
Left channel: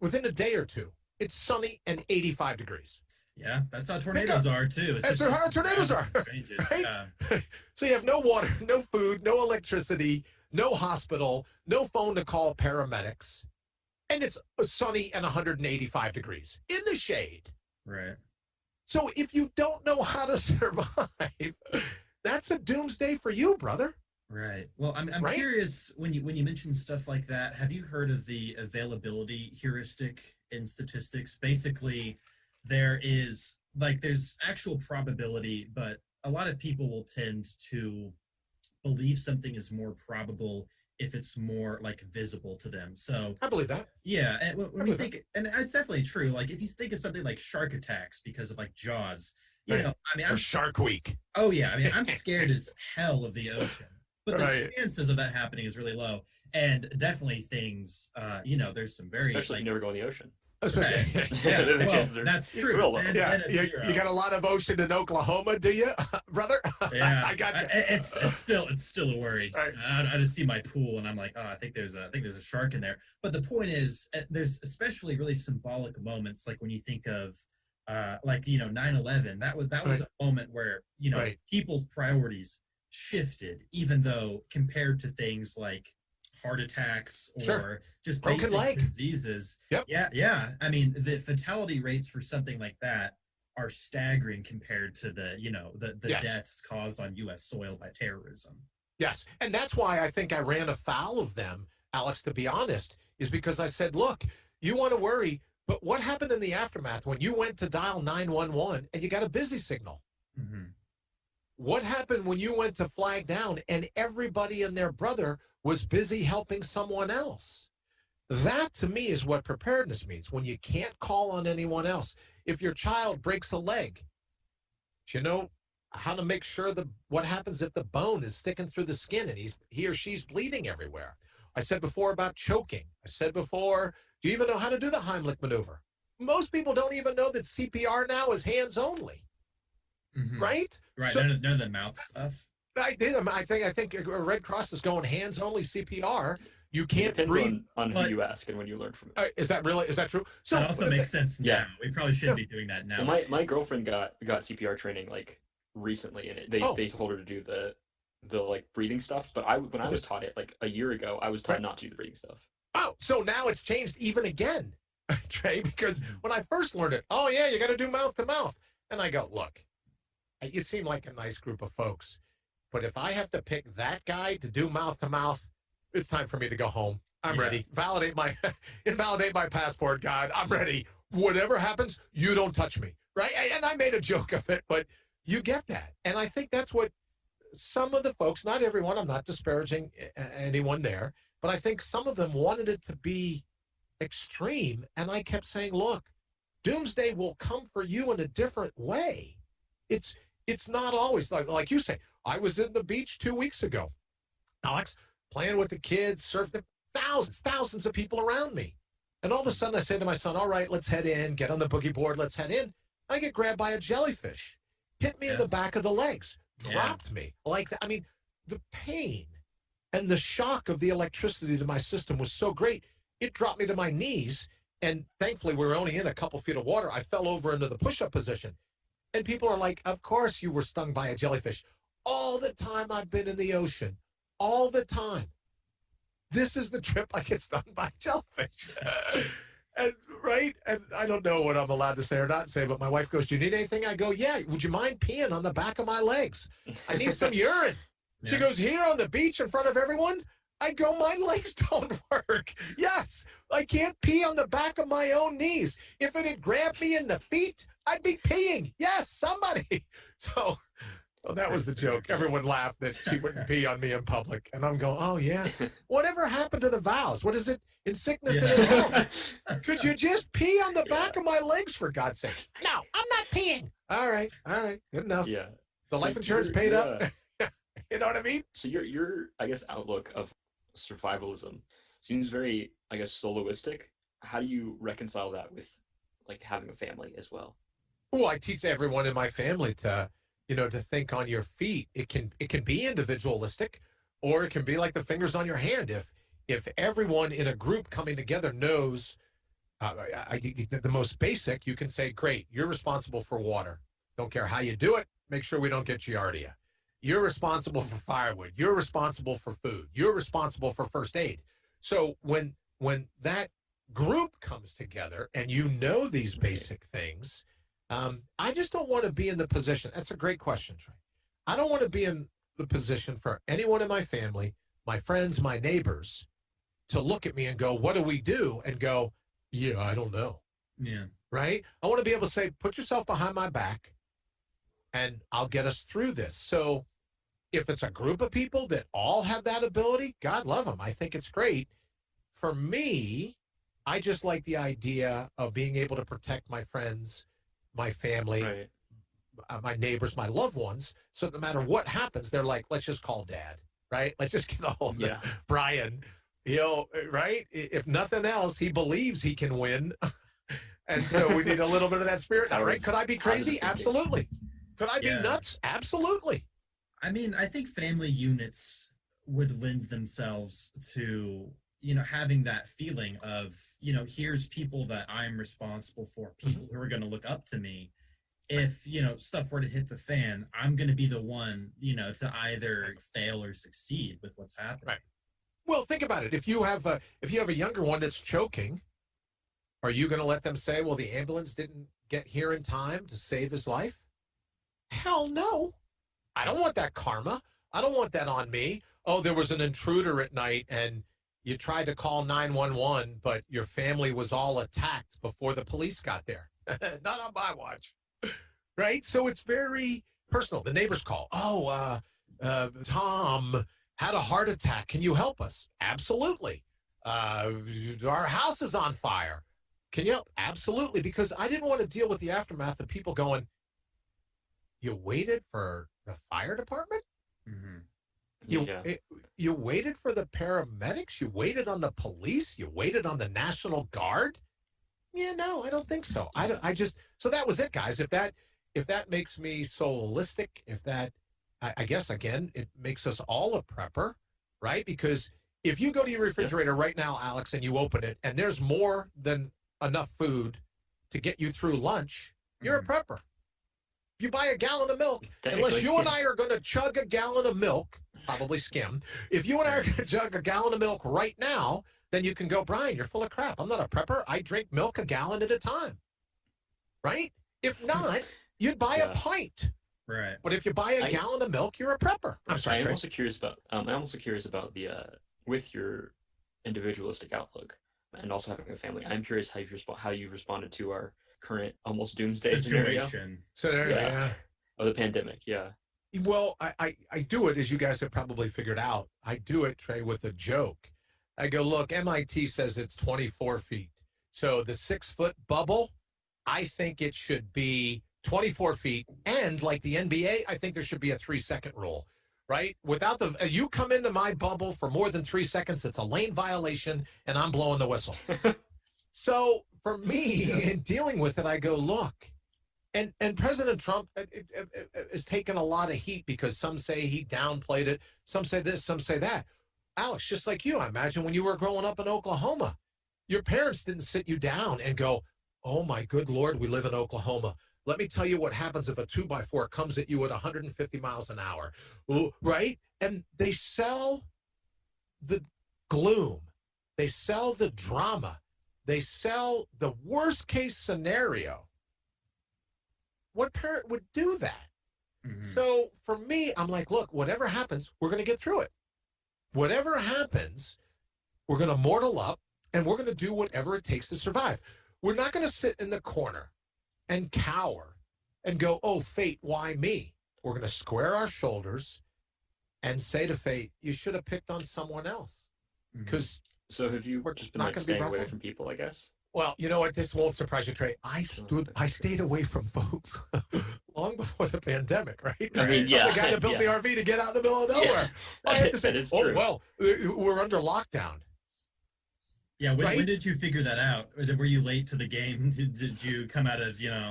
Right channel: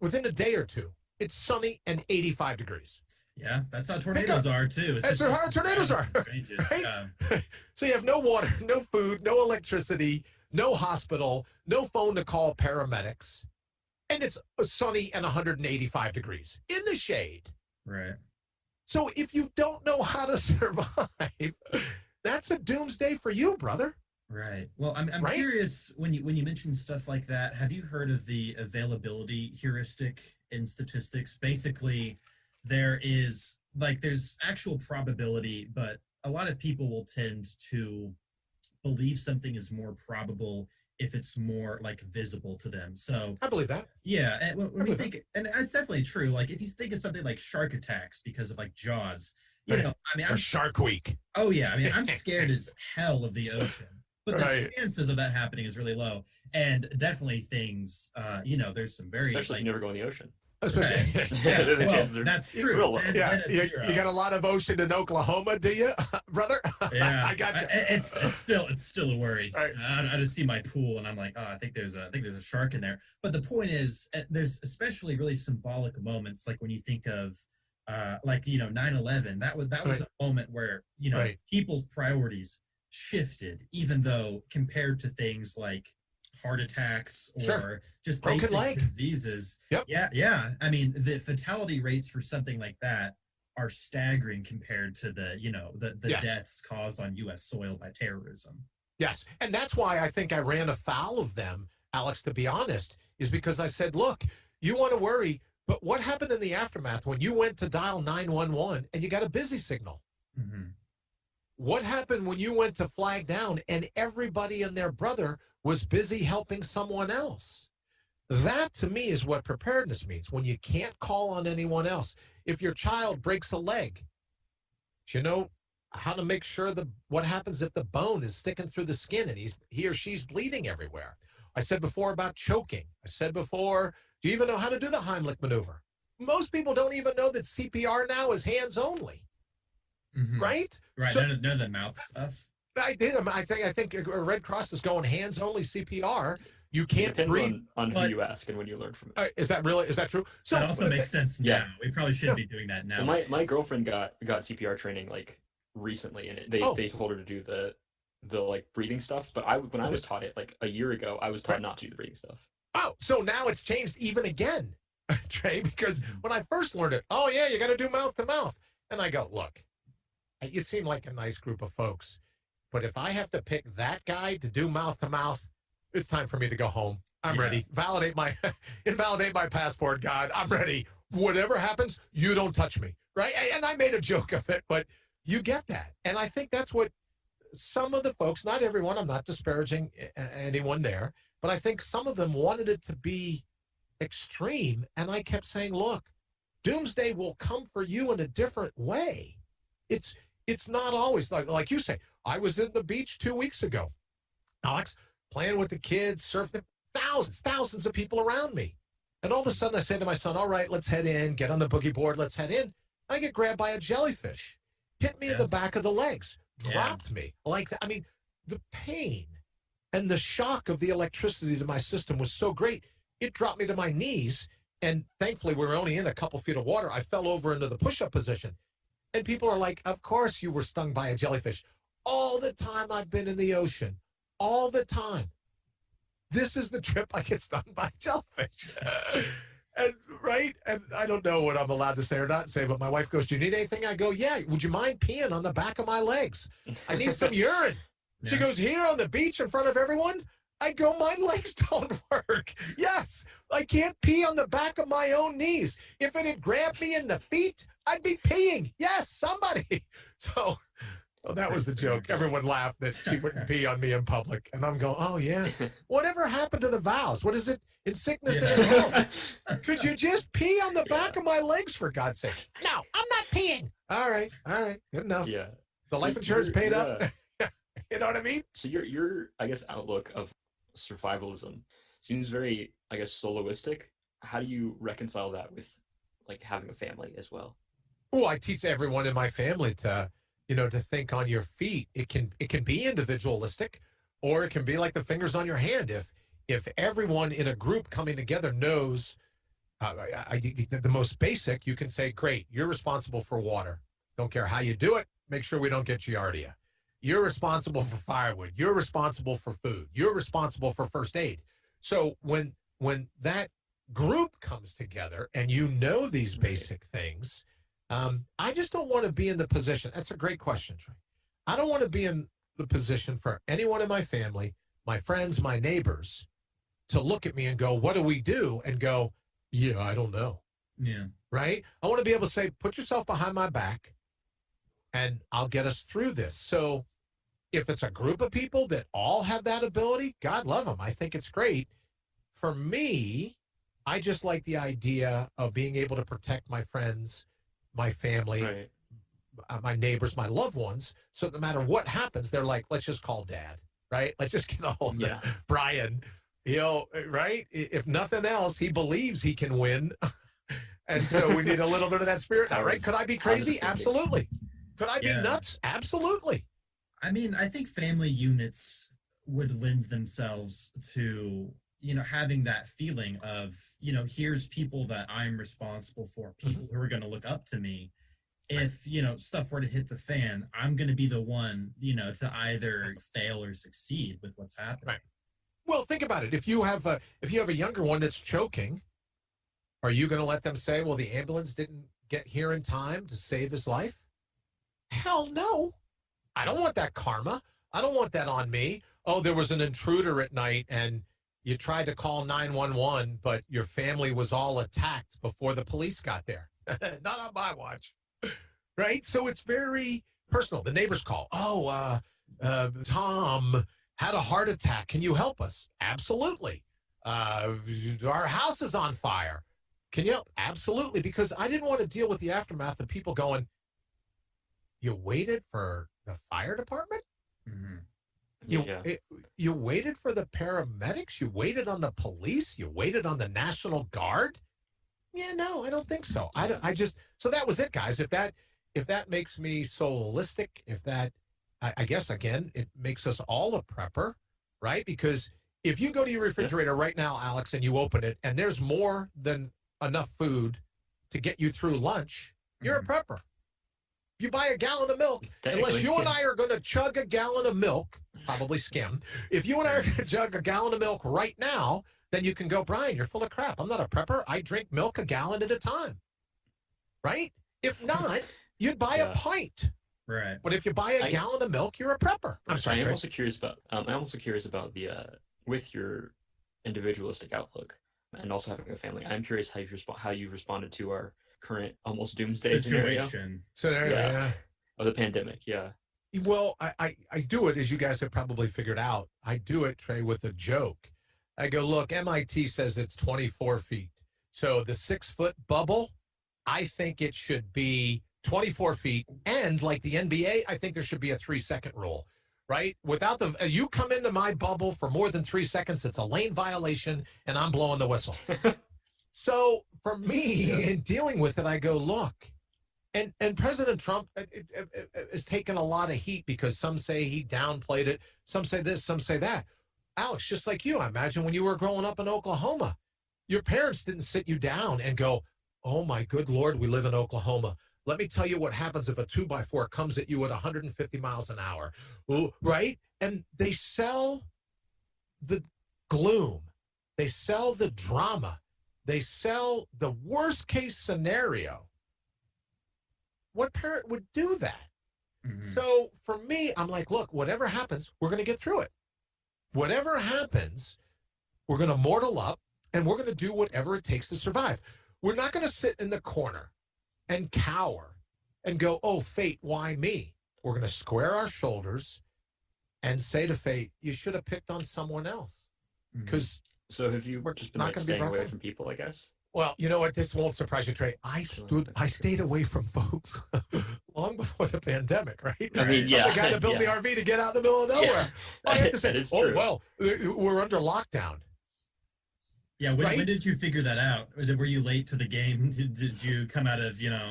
within a day or two, It's sunny and 85 degrees. Yeah, that's how tornadoes are too. That's how tornadoes are. Changes. Right? Yeah. So you have no water, no food, no electricity, no hospital, no phone to call paramedics. And it's sunny and 185 degrees in the shade. Right. So if you don't know how to survive, that's a doomsday for you, brother. Right. Well, I'm Right? curious when you mention stuff like that. Have you heard of the availability heuristic in statistics? Basically, there's actual probability, but a lot of people will tend to believe something is more probable if it's more like visible to them. So I believe that. yeah, and when we think, and it's definitely true. Like if you think of something like shark attacks because of like Jaws, you Right. know, I mean, Or Shark Week. oh yeah, I mean, I'm scared as hell of the ocean, but the Right. chances of that happening is really low. And definitely things, there's some very Especially if you never go in the ocean. Especially. yeah, The well, chances are that's true. real low. Then Yeah, it's you zero. got a lot of ocean in Oklahoma, do you, brother? Yeah, I got you. it's still a worry. Right. I just see my pool and I'm like, oh, I think there's a shark in there. But the point is, there's especially really symbolic moments, like when you think of, 9/11. That was Right. a moment where Right. people's priorities shifted, even though compared to things like heart attacks or Sure. just Broken basic leg. diseases. Yep. Yeah. I mean, the fatality rates for something like that are staggering compared to the Yes. deaths caused on U.S. soil by terrorism. Yes. And that's why I think I ran afoul of them, Alex, to be honest, is because I said, look, you want to worry, but what happened in the aftermath when you went to dial 911 and you got a busy signal? Mm-hmm. What happened when you went to flag down and everybody and their brother was busy helping someone else? That to me is what preparedness means, when you can't call on anyone else. If your child breaks a leg, do you know how to make sure what happens if the bone is sticking through the skin and he or she's bleeding everywhere? I said before about choking. I said before, do you even know how to do the Heimlich maneuver? Most people don't even know that CPR now is hands only. Mm-hmm. Right? Right. So, none of the mouth stuff. I think Red Cross is going hands only CPR. You It can't depends breathe. on who but- you ask and when you learn from it. Is that true? So That also makes sense now. Yeah. We probably shouldn't be doing that now. Well, my girlfriend got CPR training like recently, and they told her to do the like breathing stuff. But when I was taught it like a year ago, I was taught not to do the breathing stuff. Oh, so now it's changed even again, Trey, because when I first learned it, oh yeah, you got to do mouth to mouth. And I go, look, you seem like a nice group of folks, but if I have to pick that guy to do mouth to mouth, it's time for me to go home. I'm ready. Invalidate my passport, God. I'm ready. Whatever happens, you don't touch me, right? And I made a joke of it, but you get that. And I think that's what some of the folks, not everyone, I'm not disparaging anyone there, but I think some of them wanted it to be extreme. And I kept saying, look, doomsday will come for you in a different way. It's not always like you say. I was in the beach 2 weeks ago, Alex, playing with the kids, surfing, thousands of people around me. And all of a sudden I say to my son, all right, let's head in, get on the boogie board, let's head in. I get grabbed by a jellyfish, hit me in the back of the legs, dropped me. The pain and the shock of the electricity to my system was so great, it dropped me to my knees. And thankfully, we were only in a couple feet of water. I fell over into the push-up position. And people are like, of course you were stung by a jellyfish. All the time I've been in the ocean, all the time. This is the trip I get stung by jellyfish. And I don't know what I'm allowed to say or not say, but my wife goes, do you need anything? I go, yeah, would you mind peeing on the back of my legs? I need some urine. Yeah. She goes, here on the beach in front of everyone? I go, my legs don't work. Yes, I can't pee on the back of my own knees. If it had grabbed me in the feet, I'd be peeing. Yes, somebody. So that was the joke. Everyone laughed that she wouldn't pee on me in public. And I'm going, oh, yeah. Whatever happened to the vows? What is it? In sickness and in health. Could you just pee on the back of my legs, for God's sake? No, I'm not peeing. All right. Good enough. Yeah. The life insurance paid up. You know what I mean? So your I guess, outlook of survivalism seems very, I guess, soloistic. How do you reconcile that with like having a family as well? Well, I teach everyone in my family to think on your feet. It can be individualistic, or it can be like the fingers on your hand. If everyone in a group coming together knows The most basic, you can say, great, you're responsible for water. Don't care how you do it. Make sure we don't get giardia. You're responsible for firewood. You're responsible for food. You're responsible for first aid. So when that group comes together and you know these basic things, I just don't want to be in the position. That's a great question, Trey. I don't want to be in the position for anyone in my family, my friends, my neighbors, to look at me and go, what do we do? And go, yeah, I don't know. Yeah. Right? I want to be able to say, put yourself behind my back and I'll get us through this. So if it's a group of people that all have that ability, God love them. I think it's great. For me, I just like the idea of being able to protect my friends, my family, my neighbors, my loved ones. So no matter what happens, they're like, let's just call Dad, right? Let's just get a hold of Brian. Right? If nothing else, he believes he can win. And so we need a little bit of that spirit now, right? Could I be crazy? Absolutely. Could I be nuts? Absolutely. I mean, I think family units would lend themselves to, having that feeling of, here's people that I'm responsible for, people who are going to look up to me. If, stuff were to hit the fan, I'm going to be the one, to either fail or succeed with what's happening. Right. Well, think about it. If you have a younger one that's choking, are you going to let them say, well, the ambulance didn't get here in time to save his life? Hell no. I don't want that karma. I don't want that on me. Oh, there was an intruder at night and you tried to call 911, but your family was all attacked before the police got there. Not on my watch. Right? So it's very personal. The neighbors call. Oh, Tom had a heart attack. Can you help us? Absolutely. Our house is on fire. Can you help? Absolutely. Because I didn't want to deal with the aftermath of people going, you waited for the fire department? Mm-hmm. You waited for the paramedics? You waited on the police? You waited on the National Guard? Yeah, no, I don't think so. So that was it, guys. If that makes me soulistic, I guess, again, it makes us all a prepper, right? Because if you go to your refrigerator right now, Alex, and you open it, and there's more than enough food to get you through lunch, you're a prepper. If you buy a gallon of milk, unless you and I are going to chug a gallon of milk, probably skim, if you and I are going to chug a gallon of milk right now, then you can go, Brian, you're full of crap. I'm not a prepper. I drink milk a gallon at a time, right? If not, you'd buy a pint. Right. But if you buy a gallon of milk, you're a prepper. I'm sorry, I'm also curious about the with your individualistic outlook and also having a family. I'm curious how you've responded to our current almost doomsday situation. Scenario, of the pandemic. Yeah. Well, I do it, as you guys have probably figured out. I do it, Trey, with a joke. I go, look, MIT says it's 24 feet. So the 6-foot bubble, I think it should be 24 feet. And like the NBA, I think there should be a 3-second rule, right? Without you come into my bubble for more than 3 seconds, it's a lane violation and I'm blowing the whistle. So for me, in dealing with it, I go, look, and President Trump has taken a lot of heat because some say he downplayed it. Some say this, some say that. Alex, just like you, I imagine when you were growing up in Oklahoma, your parents didn't sit you down and go, oh my good Lord, we live in Oklahoma. Let me tell you what happens if a 2x4 comes at you at 150 miles an hour, right? And they sell the gloom. They sell the drama. They sell the worst case scenario. What parent would do that? Mm-hmm. So for me, I'm like, look, whatever happens, we're going to get through it. Whatever happens, we're going to mortal up and we're going to do whatever it takes to survive. We're not going to sit in the corner and cower and go, oh, fate, why me? We're going to square our shoulders and say to fate, you should have picked on someone else. Because so have you just been like staying away from people, I guess? Well, you know what? This won't surprise you, Trey. I stayed away from folks long before the pandemic, right? I mean, yeah. I'm the guy that built the RV to get out in the middle of nowhere. I have to say, well, we're under lockdown. Yeah, when did you figure that out? Were you late to the game? Did you come out of, your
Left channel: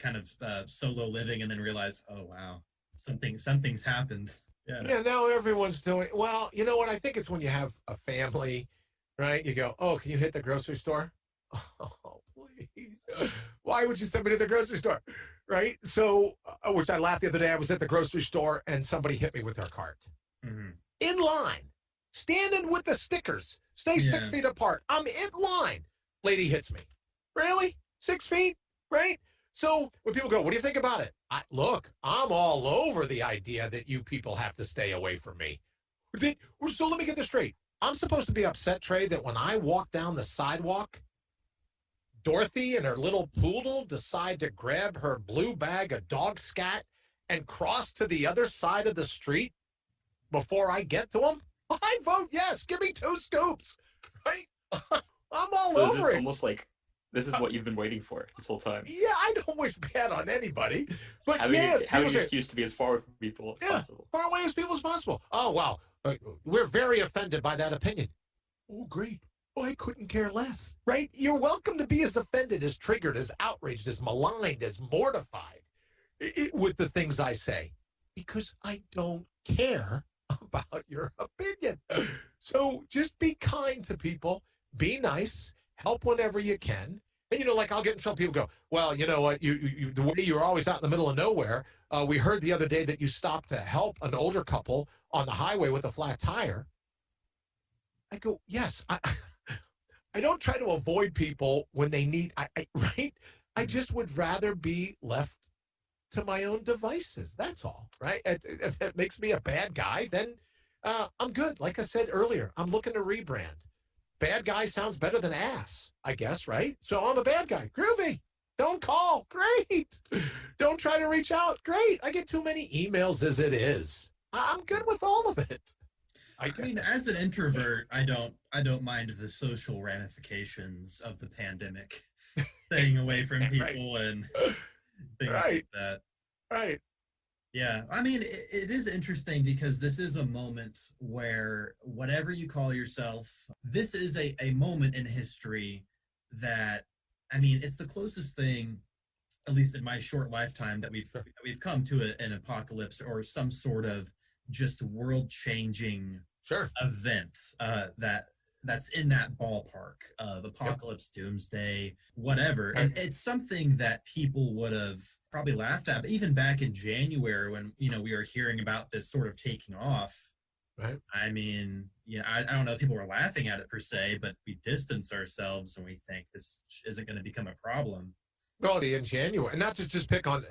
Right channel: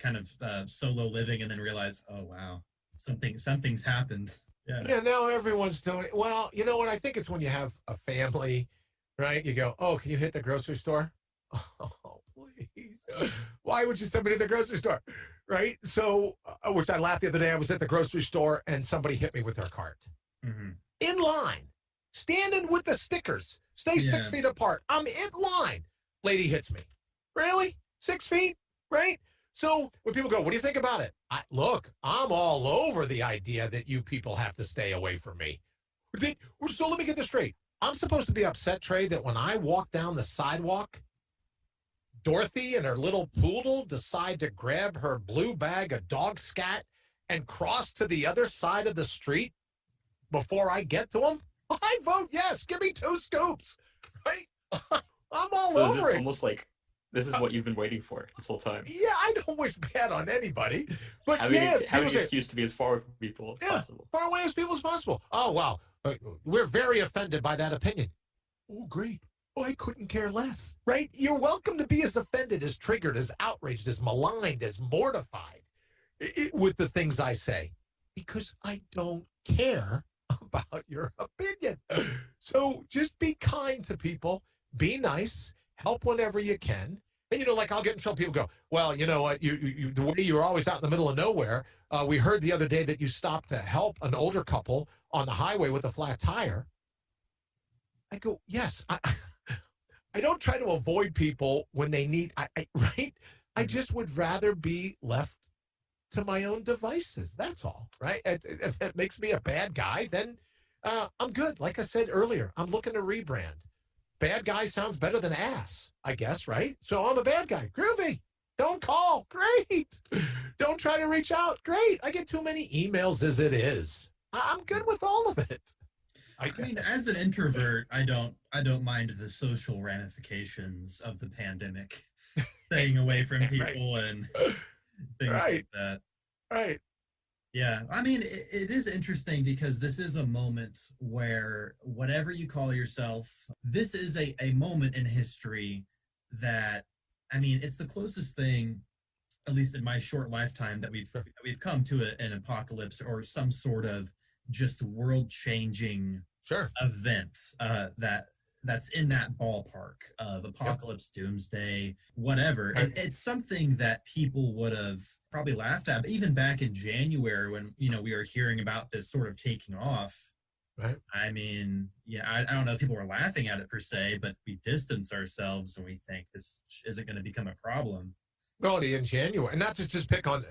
kind of solo living and then realize, oh, wow, something's happened? Yeah, now everyone's doing it. Well, you know what? I think it's when you have a family, right? You go, oh, can you hit the grocery store? Oh, please. Why would you send me to the grocery store? Right? So, which I laughed the other day. I was at the grocery store and somebody hit me with their cart. Mm-hmm. In line, standing with the stickers. Stay 6 feet apart. I'm in line. Lady hits me. Really? 6 feet? Right? So when people go, what do you think about it? Look, I'm all over the idea that you people have to stay away from me. So let me get this straight. I'm supposed to be upset, Trey, that when I walk down the sidewalk, Dorothy and her little poodle decide to grab her blue bag of dog scat and cross to the other side of the street before I get to them? I vote yes. Give me 2 scoops. Right? I'm all over it. Almost like this is what you've been waiting for this whole time. Yeah, I don't wish bad on anybody. But having an excuse to be as far from people as possible. Far away as people as possible. Oh, wow. We're very offended by that opinion. Oh, great. Oh, I couldn't care less. Right? You're welcome to be as offended, as triggered, as outraged, as maligned, as mortified with the things I say. Because I don't care about your opinion. So just be kind to people. Be nice. Help whenever you can. And, like I'll get in trouble. People go, well, you know what? You the way you're always out in the middle of nowhere. We heard the other day that you stopped to help an older couple on the highway with a flat tire. I go, yes. I don't try to avoid people when they need, right? I just would rather be left to my own devices. That's all, right? If it makes me a bad guy, then I'm good. Like I said earlier, I'm looking to rebrand. Bad guy sounds better than ass, I guess, right? So I'm a bad guy. Groovy. Don't call. Great. Don't try to reach out. Great. I get too many emails as it is. I'm good with all of it. I mean, as an introvert, I don't mind the social ramifications of the pandemic, staying away from people and things like that. Right. Yeah, I mean, it is interesting because this is a moment where whatever you call yourself, this is a moment in history that, I mean, it's the closest thing, at least in my short lifetime, that we've come to an apocalypse or some sort of just world-changing event that's in that ballpark of apocalypse, doomsday, whatever. And it's something that people would have probably laughed at. But even back in January when, we were hearing about this sort of taking off, right? I mean, I don't know if people were laughing at it per se, but we distance ourselves and we think this isn't going to become a problem. Already in January, and not to just pick on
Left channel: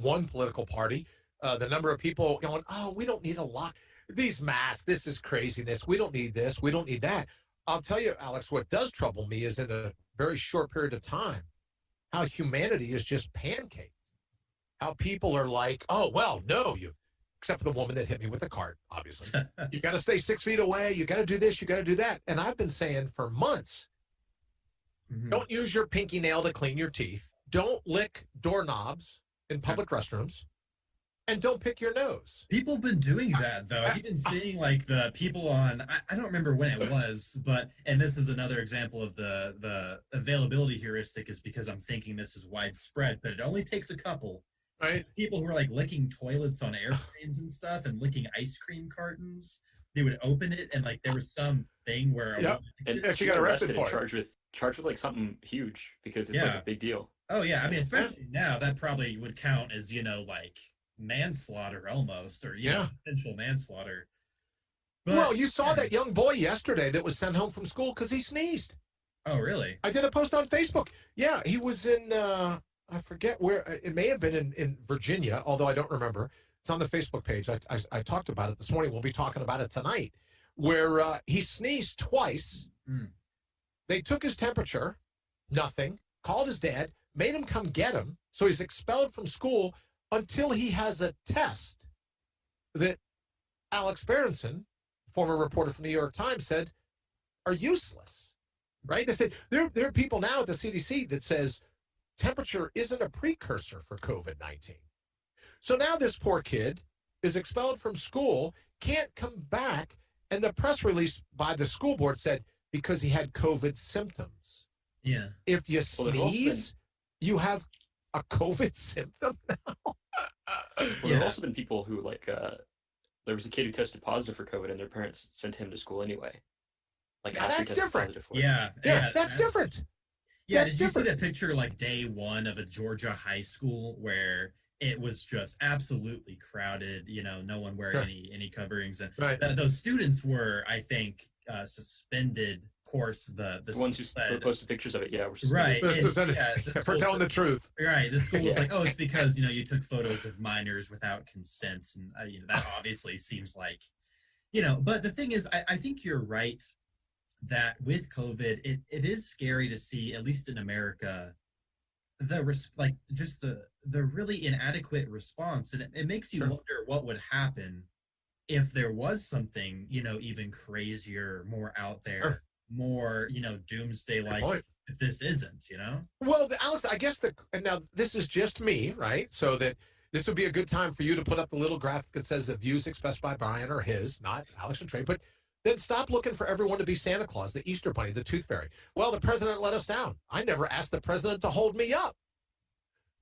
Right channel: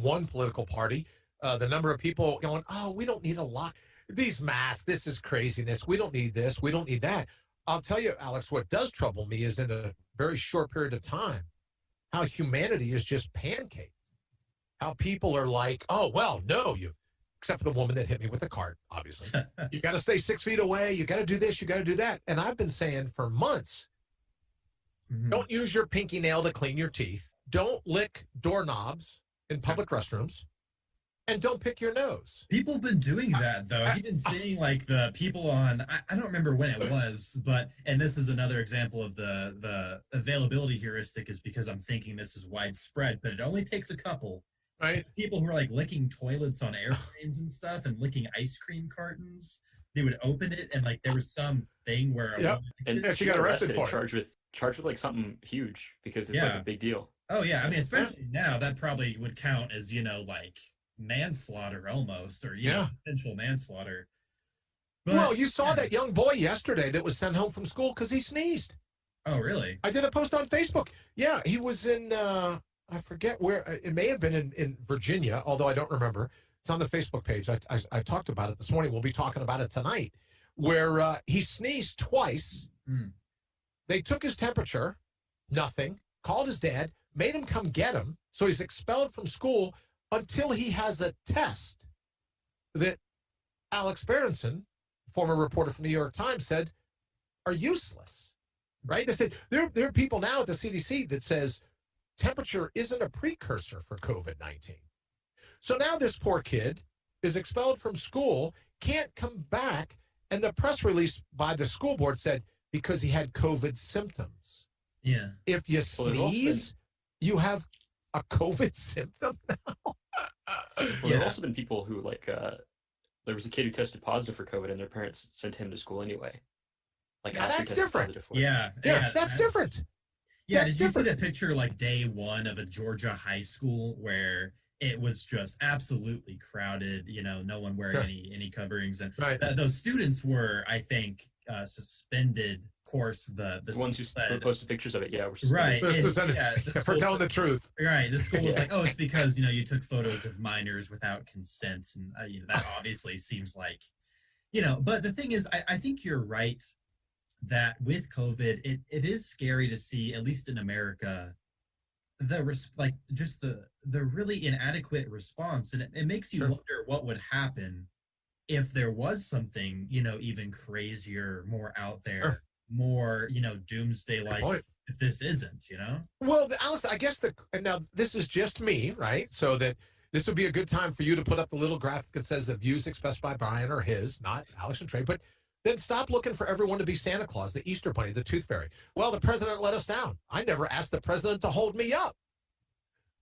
one political party, the number of people going, oh, we don't need a lot. These masks, this is craziness. We don't need this. We don't need that. I'll tell you, Alex, what does trouble me is in a very short period of time, how humanity is just pancaked. How people are like, oh, well, no, except for the woman that hit me with the cart, obviously. You got to stay 6 feet away. You got to do this. You got to do that. And I've been saying for months, don't use your pinky nail to clean your teeth. Don't lick doorknobs in public restrooms. And don't pick your nose. People have been doing that, though. I've been seeing, like, the people on, I don't remember when it was, and this is another example of the availability heuristic is because I'm thinking this is widespread, but it only takes a couple. Right. People who are, like, licking toilets on airplanes and stuff and licking ice cream cartons, they would open it, and, like, there was some thing where... And she got arrested for it. Charged with, like, something huge because it's, like, a big deal. Oh, yeah. I mean, especially now, that probably would count as, like... manslaughter almost, or potential manslaughter. But, well, you saw that young boy yesterday that was sent home from school because he sneezed. Oh, really? I did a post on Facebook. Yeah, he was in I forget where. It may have been in Virginia, although I don't remember. It's on the Facebook page. I talked about it this morning. We'll be talking about it tonight, where he sneezed twice. They took his temperature, nothing, called his dad, made him come get him, so he's expelled from school until he has a test that Alex Berenson, former reporter from the New York Times, said are useless, right? They said there are people now at the CDC that says temperature isn't a precursor for COVID-19. So now this poor kid is expelled from school, can't come back, and the press release by the school board said because he had COVID symptoms. Yeah. If you sneeze, you have a COVID symptom now? There have also been people who, like, there was a kid who tested positive for COVID and their parents sent him to school anyway. Like, that's different. Yeah, that's different. Yeah, did you see the picture like day one of a Georgia high school where it was just absolutely crowded, no one wearing any coverings, and those students were, I think, suspended. Of course, the ones who posted pictures of it, were right, for telling the truth. Right, the school was like, oh, it's because you took photos of minors without consent, and that obviously seems like, But the thing is, I think you're right that with COVID, it is scary to see, at least in America, the really inadequate response, and it makes you wonder what would happen if there was something even crazier, more out there, more doomsday like. If this isn't, Well, Alex, I guess now this is just me, right? So that this would be a good time for you to put up the little graphic that says the views expressed by Brian are his, not Alex and Trey, but. Then stop looking for everyone to be Santa Claus, the Easter Bunny, the Tooth Fairy. Well, the president let us down. I never asked the president to hold me up.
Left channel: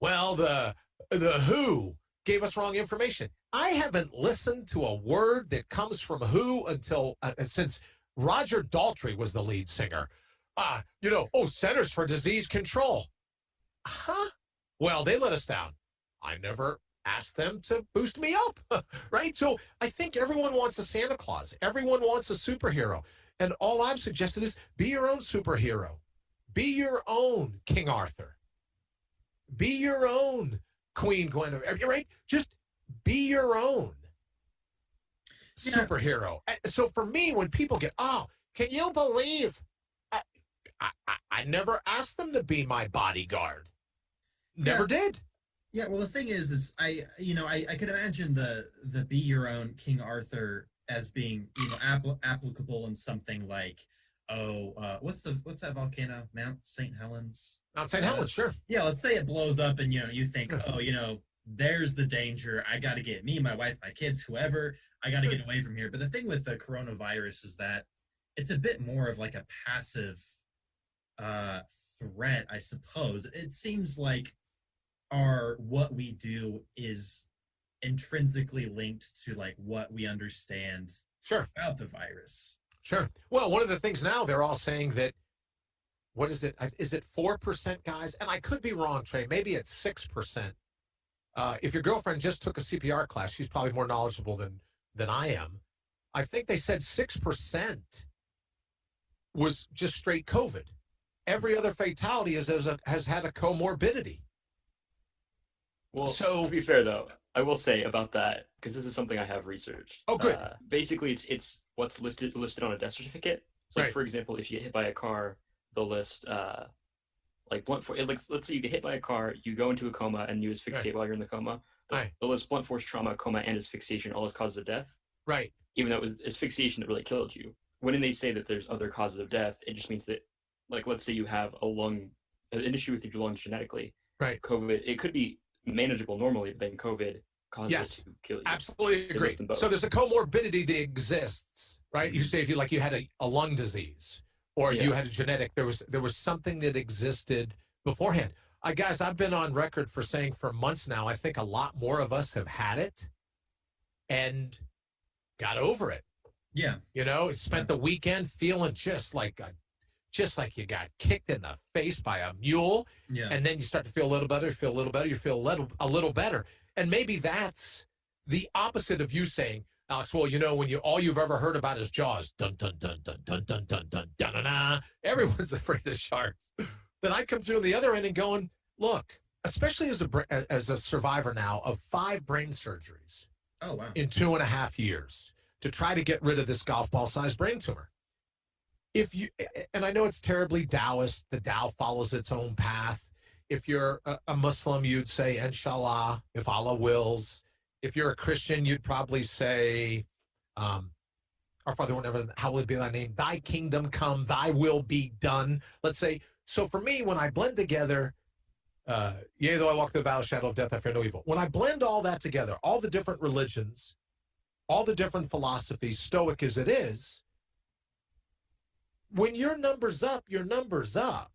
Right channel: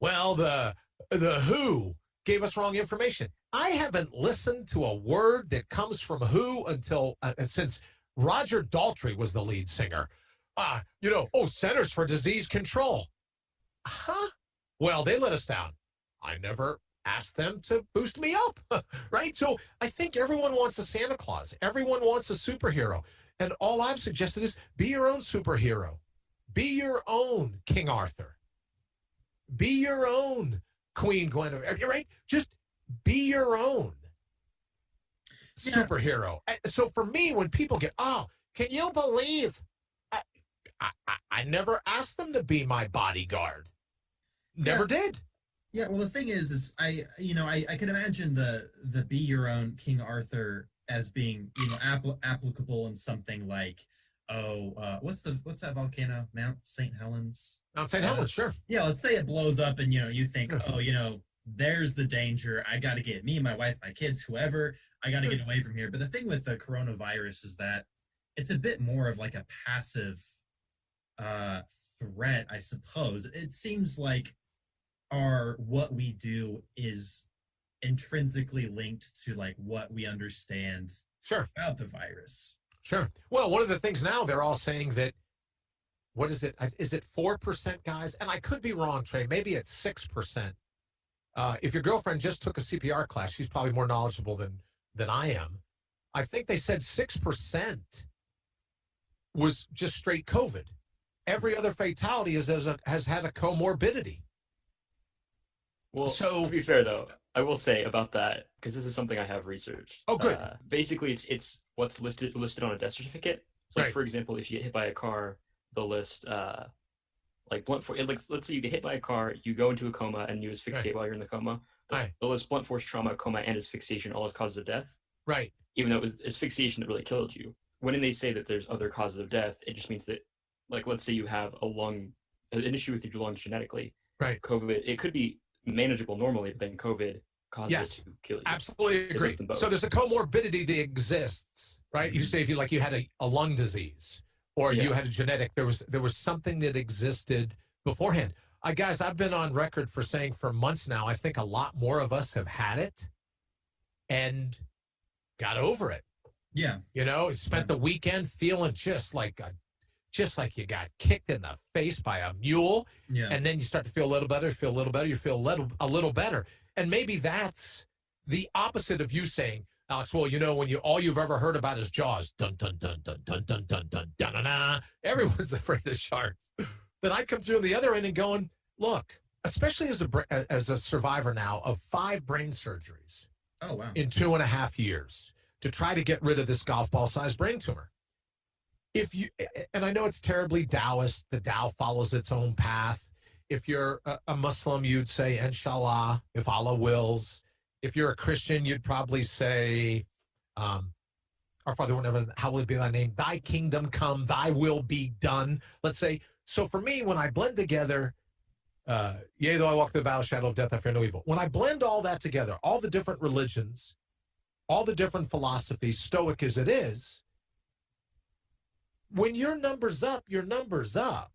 Well, the WHO gave us wrong information. I haven't listened to a word that comes from WHO until since Roger Daltrey was the lead singer. Centers for Disease Control. Huh? Well, they let us down. I never ask them to boost me up, right? So I think everyone wants a Santa Claus. Everyone wants a superhero. And all I've suggested is be your own superhero. Be your own King Arthur. Be your own Queen Guinevere, right? Just be your own superhero. So for me, when people can you believe? I never asked them to be my bodyguard. Never did. Yeah, well, the thing is I can imagine the be your own King Arthur as being applicable in something like what's that volcano, Mount St. Helens? Mount St. Helens, sure. Yeah, let's say it blows up and you think, there's the danger. I got to get me, my wife, my kids, whoever. I got to get away from here. But the thing with the coronavirus is that it's a bit more of like a passive threat, I suppose. It seems like what we do is intrinsically linked to like what we understand about the virus. Sure. Well, one of the things now they're all saying that, what is it? Is it 4%, guys? And I could be wrong, Trey. Maybe it's 6%. If your girlfriend just took a CPR class, she's probably more knowledgeable than I am. I think they said 6% was just straight COVID. Every other fatality has had a comorbidity. Well, to be fair, though, I will say about that, because this is something I have researched. Oh, good. Basically, it's what's listed on a death certificate. So, for example, if you get hit by a car, they'll list, let's say you get hit by a car, you go into a coma, and you asphyxiate while you're in the coma. They'll list blunt force trauma, coma, and asphyxiation all as causes of death. Right. Even though it was asphyxiation that really killed you. When they say that there's other causes of death, it just means that, let's say you have an issue with your lungs genetically. Right. COVID, it could be manageable normally, but then COVID causes it to kill you. Absolutely agree. So there's a comorbidity that exists, right? You say if you had a lung disease or you had a genetic, there was something that existed beforehand. Guys, I've been on record for saying for months now, I think a lot more of us have had it and got over it. Yeah. Spent the weekend feeling just like you got kicked in the face by a mule. Yeah. And then you start to feel a little better, you feel a little better. And maybe that's the opposite of you saying, Alex, well, when all you've ever heard about is Jaws. Dun, dun, dun, dun, dun, dun, dun, dun, dun, dun, dun. Everyone's afraid of sharks. Then I come through on the other end and going, look, especially as a survivor now of 5 brain surgeries. Oh, wow. In 2.5 years to try to get rid of this golf ball-sized brain tumor. And I know it's terribly Taoist, the Tao follows its own path. If you're a Muslim, you'd say, Inshallah, if Allah wills. If you're a Christian, you'd probably say, Our Father, whenever, hallowed be thy name, thy kingdom come, thy will be done. Let's say, so for me, when I blend together, yea, though I walk through the valley of the shadow of death, I fear no evil. When I blend all that together, all the different religions, all the different philosophies, stoic as it is, when your number's up, your number's up.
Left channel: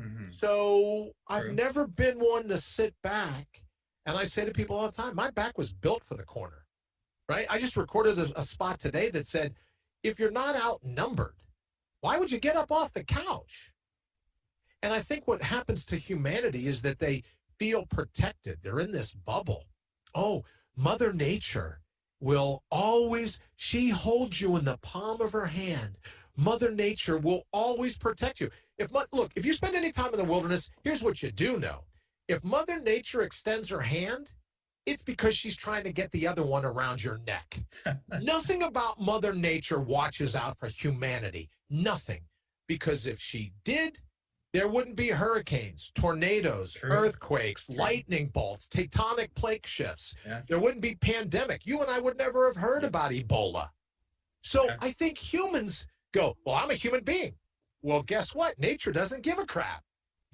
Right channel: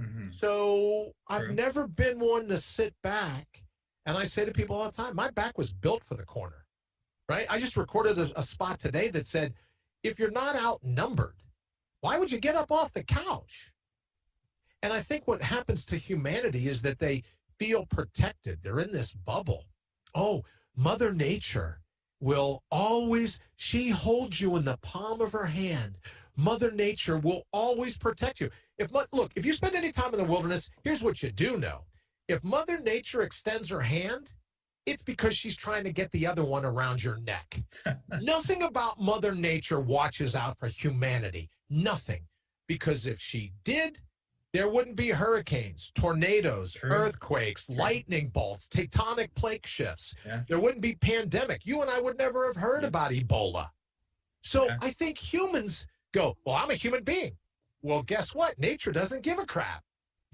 Mm-hmm. So I've never been one to sit back. And I say to people all the time, my back was built for the corner, right? I just recorded a spot today that said, if you're not outnumbered, why would you get up off the couch? And I think what happens to humanity is that they feel protected. They're in this bubble. Oh, Mother Nature will always, she holds you in the palm of her hand. Mother Nature will always protect you. Look, if you spend any time in the wilderness, here's what you do know. If Mother Nature extends her hand, it's because she's trying to get the other one around your neck. Nothing about Mother Nature watches out for humanity. Nothing. Because if she did, there wouldn't be hurricanes, tornadoes, earthquakes, lightning bolts, tectonic plate shifts. Yeah. There wouldn't be pandemic. You and I would never have heard about Ebola. So I think humans go, well, I'm a human being. Well, guess what? Nature doesn't give a crap.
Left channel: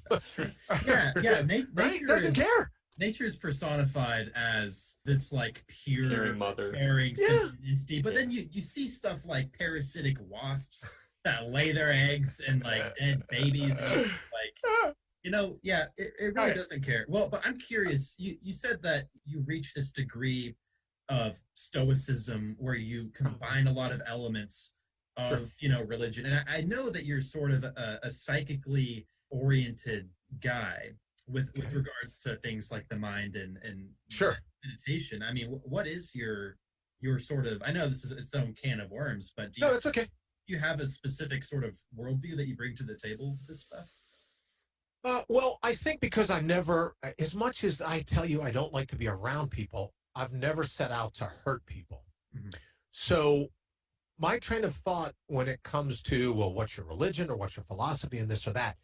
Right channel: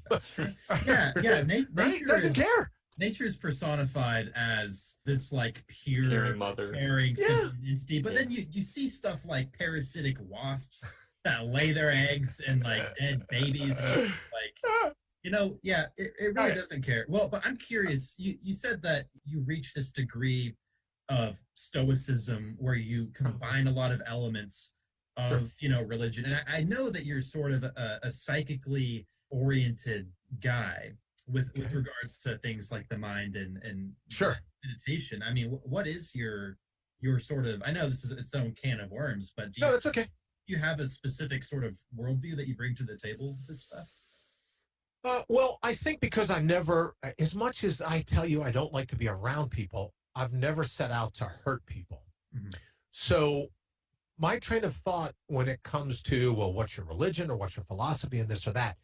That's true. Yeah. Nature doesn't care. Nature is personified as this like pure, mother, caring entity, but then you see stuff like parasitic wasps that lay their eggs in like dead babies, and like it really doesn't care. Well, but I'm curious. You said that you reach this degree of stoicism where you combine a lot of elements of religion, and I know that you're sort of a psychically oriented guy with regards to things like the mind and meditation. I mean, what is your sort of, I know this is its own can of worms, but that's okay. You have a specific sort of worldview that you bring to the table with this stuff? Well, I think because I never, as much as I tell you I don't like to be around people, I've never set out to hurt people. Mm-hmm. So my train of thought when it comes to, well, what's your religion or what's your philosophy and this or that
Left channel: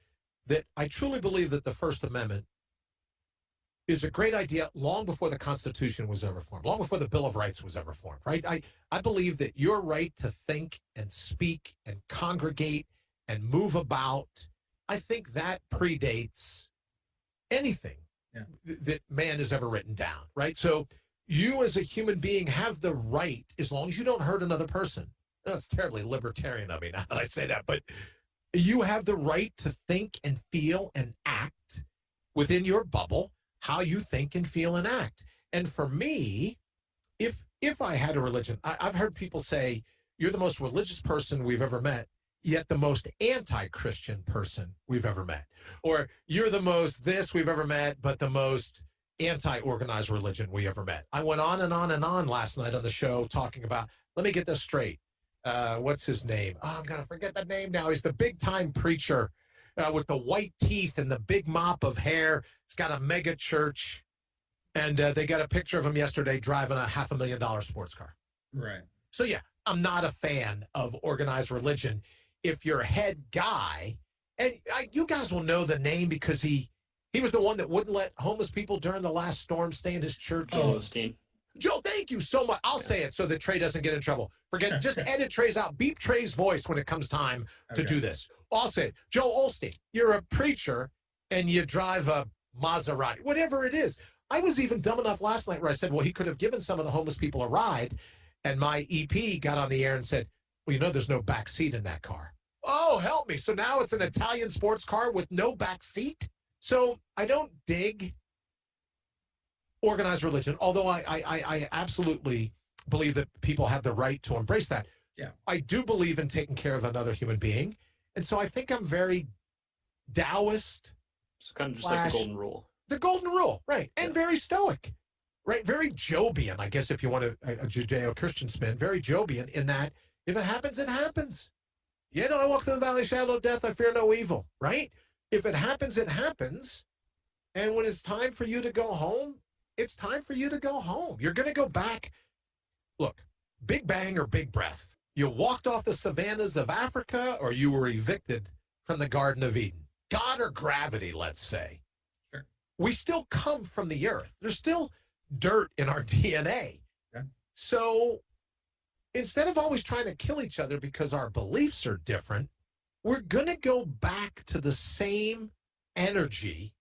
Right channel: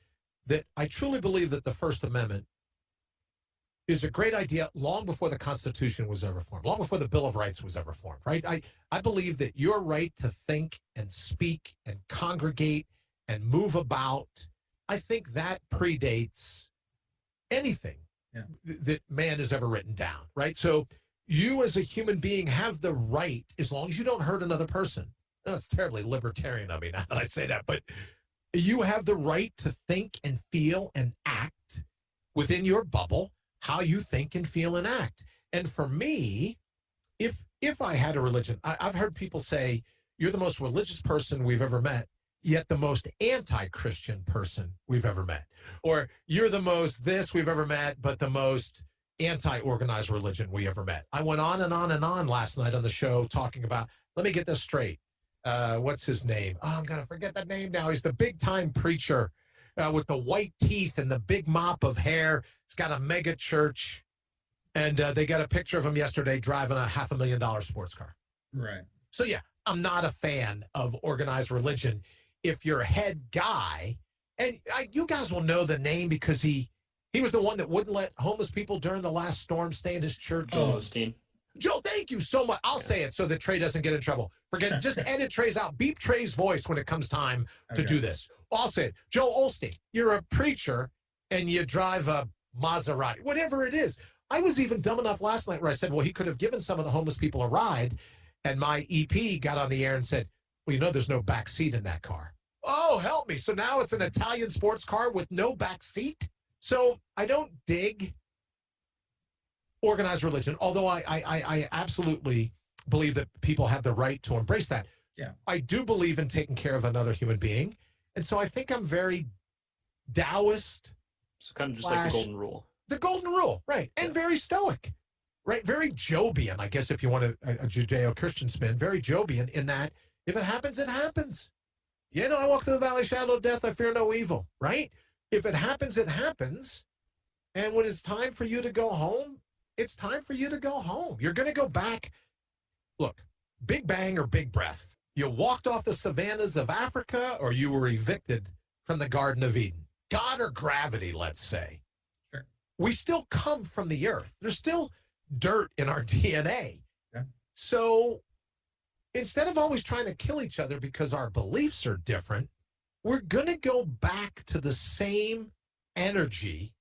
I truly believe that the First Amendment is a great idea long before the Constitution was ever formed, long before the Bill of Rights was ever formed, right? I believe that your right to think and speak and congregate and move about, I think that predates anything that man has ever written down, right? So you as a human being have the right, as long as you don't hurt another person. No, it's terribly libertarian of me now that I say that, but you have the right to think and feel and act within your bubble, how you think and feel and act. And for me, if I had a religion, I've heard people say, you're the most religious person we've ever met, yet the most anti-Christian person we've ever met. Or you're the most this we've ever met, but the most anti-organized religion we ever met. I went on and on and on last night on the show talking about, let me get this straight. What's his name? Oh, I'm going to forget that name now. He's the big time preacher with the white teeth and the big mop of hair. He's got a mega church. And they got a picture of him yesterday driving a $500,000 sports car. Right. So, yeah, I'm not a fan of organized religion. If your head guy, and you guys will know the name because he was the one that wouldn't let homeless people during the last storm stay in his church. Oh, Osteen. Joe, thank you so much. I'll say it so that Trey doesn't get in trouble. Just edit Trey's out. Beep Trey's voice when it comes time to do this. I'll say it. Joe Osteen, you're a preacher and you drive a Maserati, whatever it is. I was even dumb enough last night where I said, well, he could have given some of the homeless people a ride. And my EP got on the air and said, well, there's no back seat in that car. Oh, help me. So now it's an Italian sports car with no back seat. So I don't dig organized religion, although I absolutely believe that people have the right to embrace that. Yeah. I do believe in taking care of another human being. And so I think I'm very Taoist. So kind of just like the golden rule. The golden rule, right. And very stoic, right? Very Jobian, I guess, if you want a Judeo-Christian spin, very Jobian in that if it happens, it happens. I walk through the valley shadow of death, I fear no evil, right? If it happens, it happens. And when it's time for you to go home, it's time for you to go home. You're going to go back. Look, big bang or big breath. You walked off the savannas of Africa or you were evicted from the Garden of Eden. God or gravity, let's say. Sure. We still come from the earth. There's still dirt in our DNA. Yeah. So instead of always trying to kill each other because our beliefs are different, we're going to go back to the same energy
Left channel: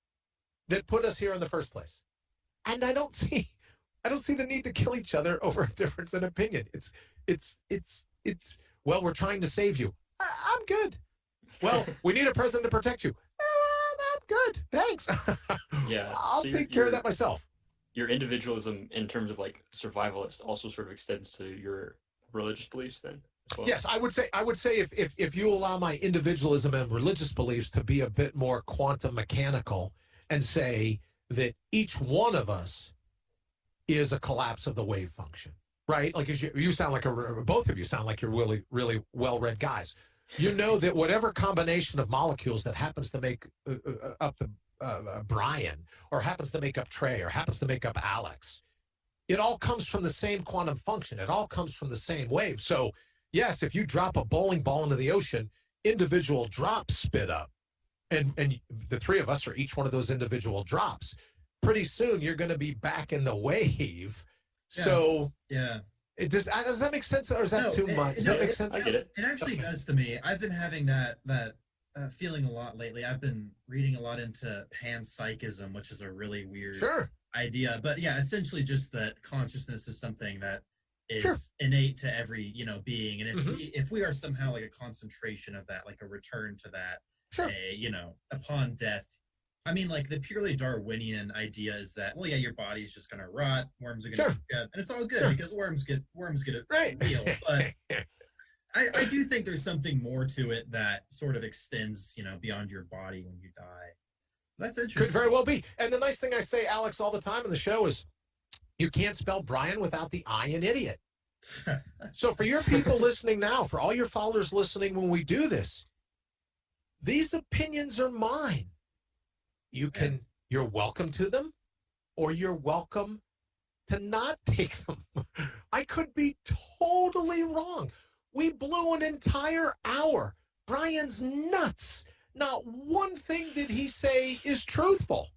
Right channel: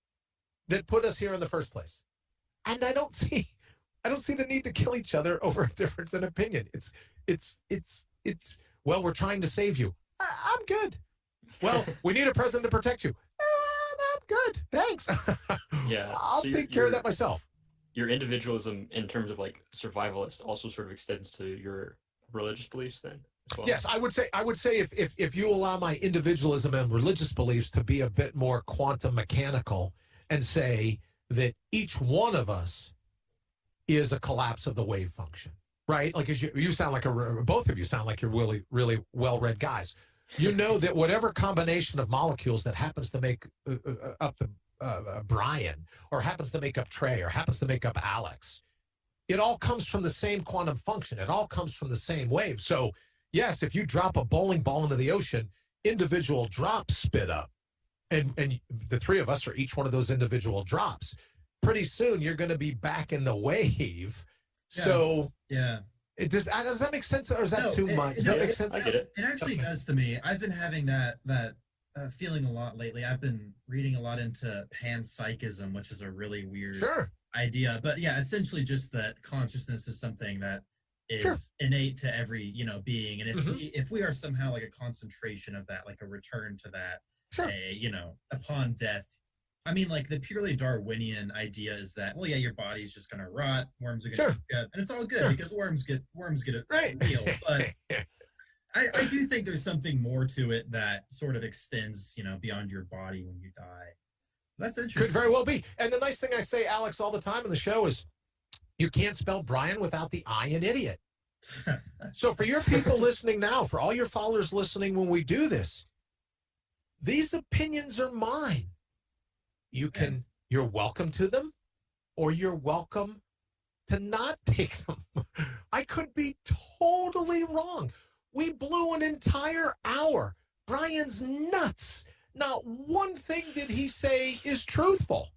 that put us here in the first place. And I don't see the need to kill each other over a difference in opinion. It's well, we're trying to save you. I'm good. Well, we need a president to protect you. I'm good. Thanks. Yeah. I'll take care of that myself. Your individualism in terms of like survivalist also sort of extends to your religious beliefs then? Well, yes, I would say if you allow my individualism and religious beliefs to be a bit more quantum mechanical and say that each one of us is a collapse of the wave function, right? Like as you sound like both of you sound like you're really, really well-read guys. You know that whatever combination of molecules that happens to make up the Brian, or happens to make up Trey, or happens to make up Alex, it all comes from the same quantum function. It all comes from the same wave. So yes, if you drop a bowling ball into the ocean, individual drops spit up, and the three of us are each one of those individual drops. Pretty soon you're going to be back in the wave. Yeah. So yeah. Does that make sense, or is that too much? Does that make sense? I get it. It actually does to me. I've been having that feeling a lot lately. I've been reading a lot into panpsychism, which is a really weird idea. But yeah, essentially just that consciousness is something that is innate to every being, and if we are somehow like a concentration of that, like a return to that, upon death. I mean, like the purely Darwinian idea is that, well, yeah, your body's just gonna rot, worms are gonna and it's all good because worms get a meal. But I do think there's something more to it that sort of extends, beyond your body when you die. That's interesting. Could very well be. And the nice thing I say, Alex, all the time in the show is you can't spell Brian without the I in idiot. So for your people listening now, for all your followers listening when we do this, these opinions are mine. You're welcome to them, or you're welcome to not take them. I could be totally wrong. We blew an entire hour. Brian's nuts. Not one thing did he say is truthful,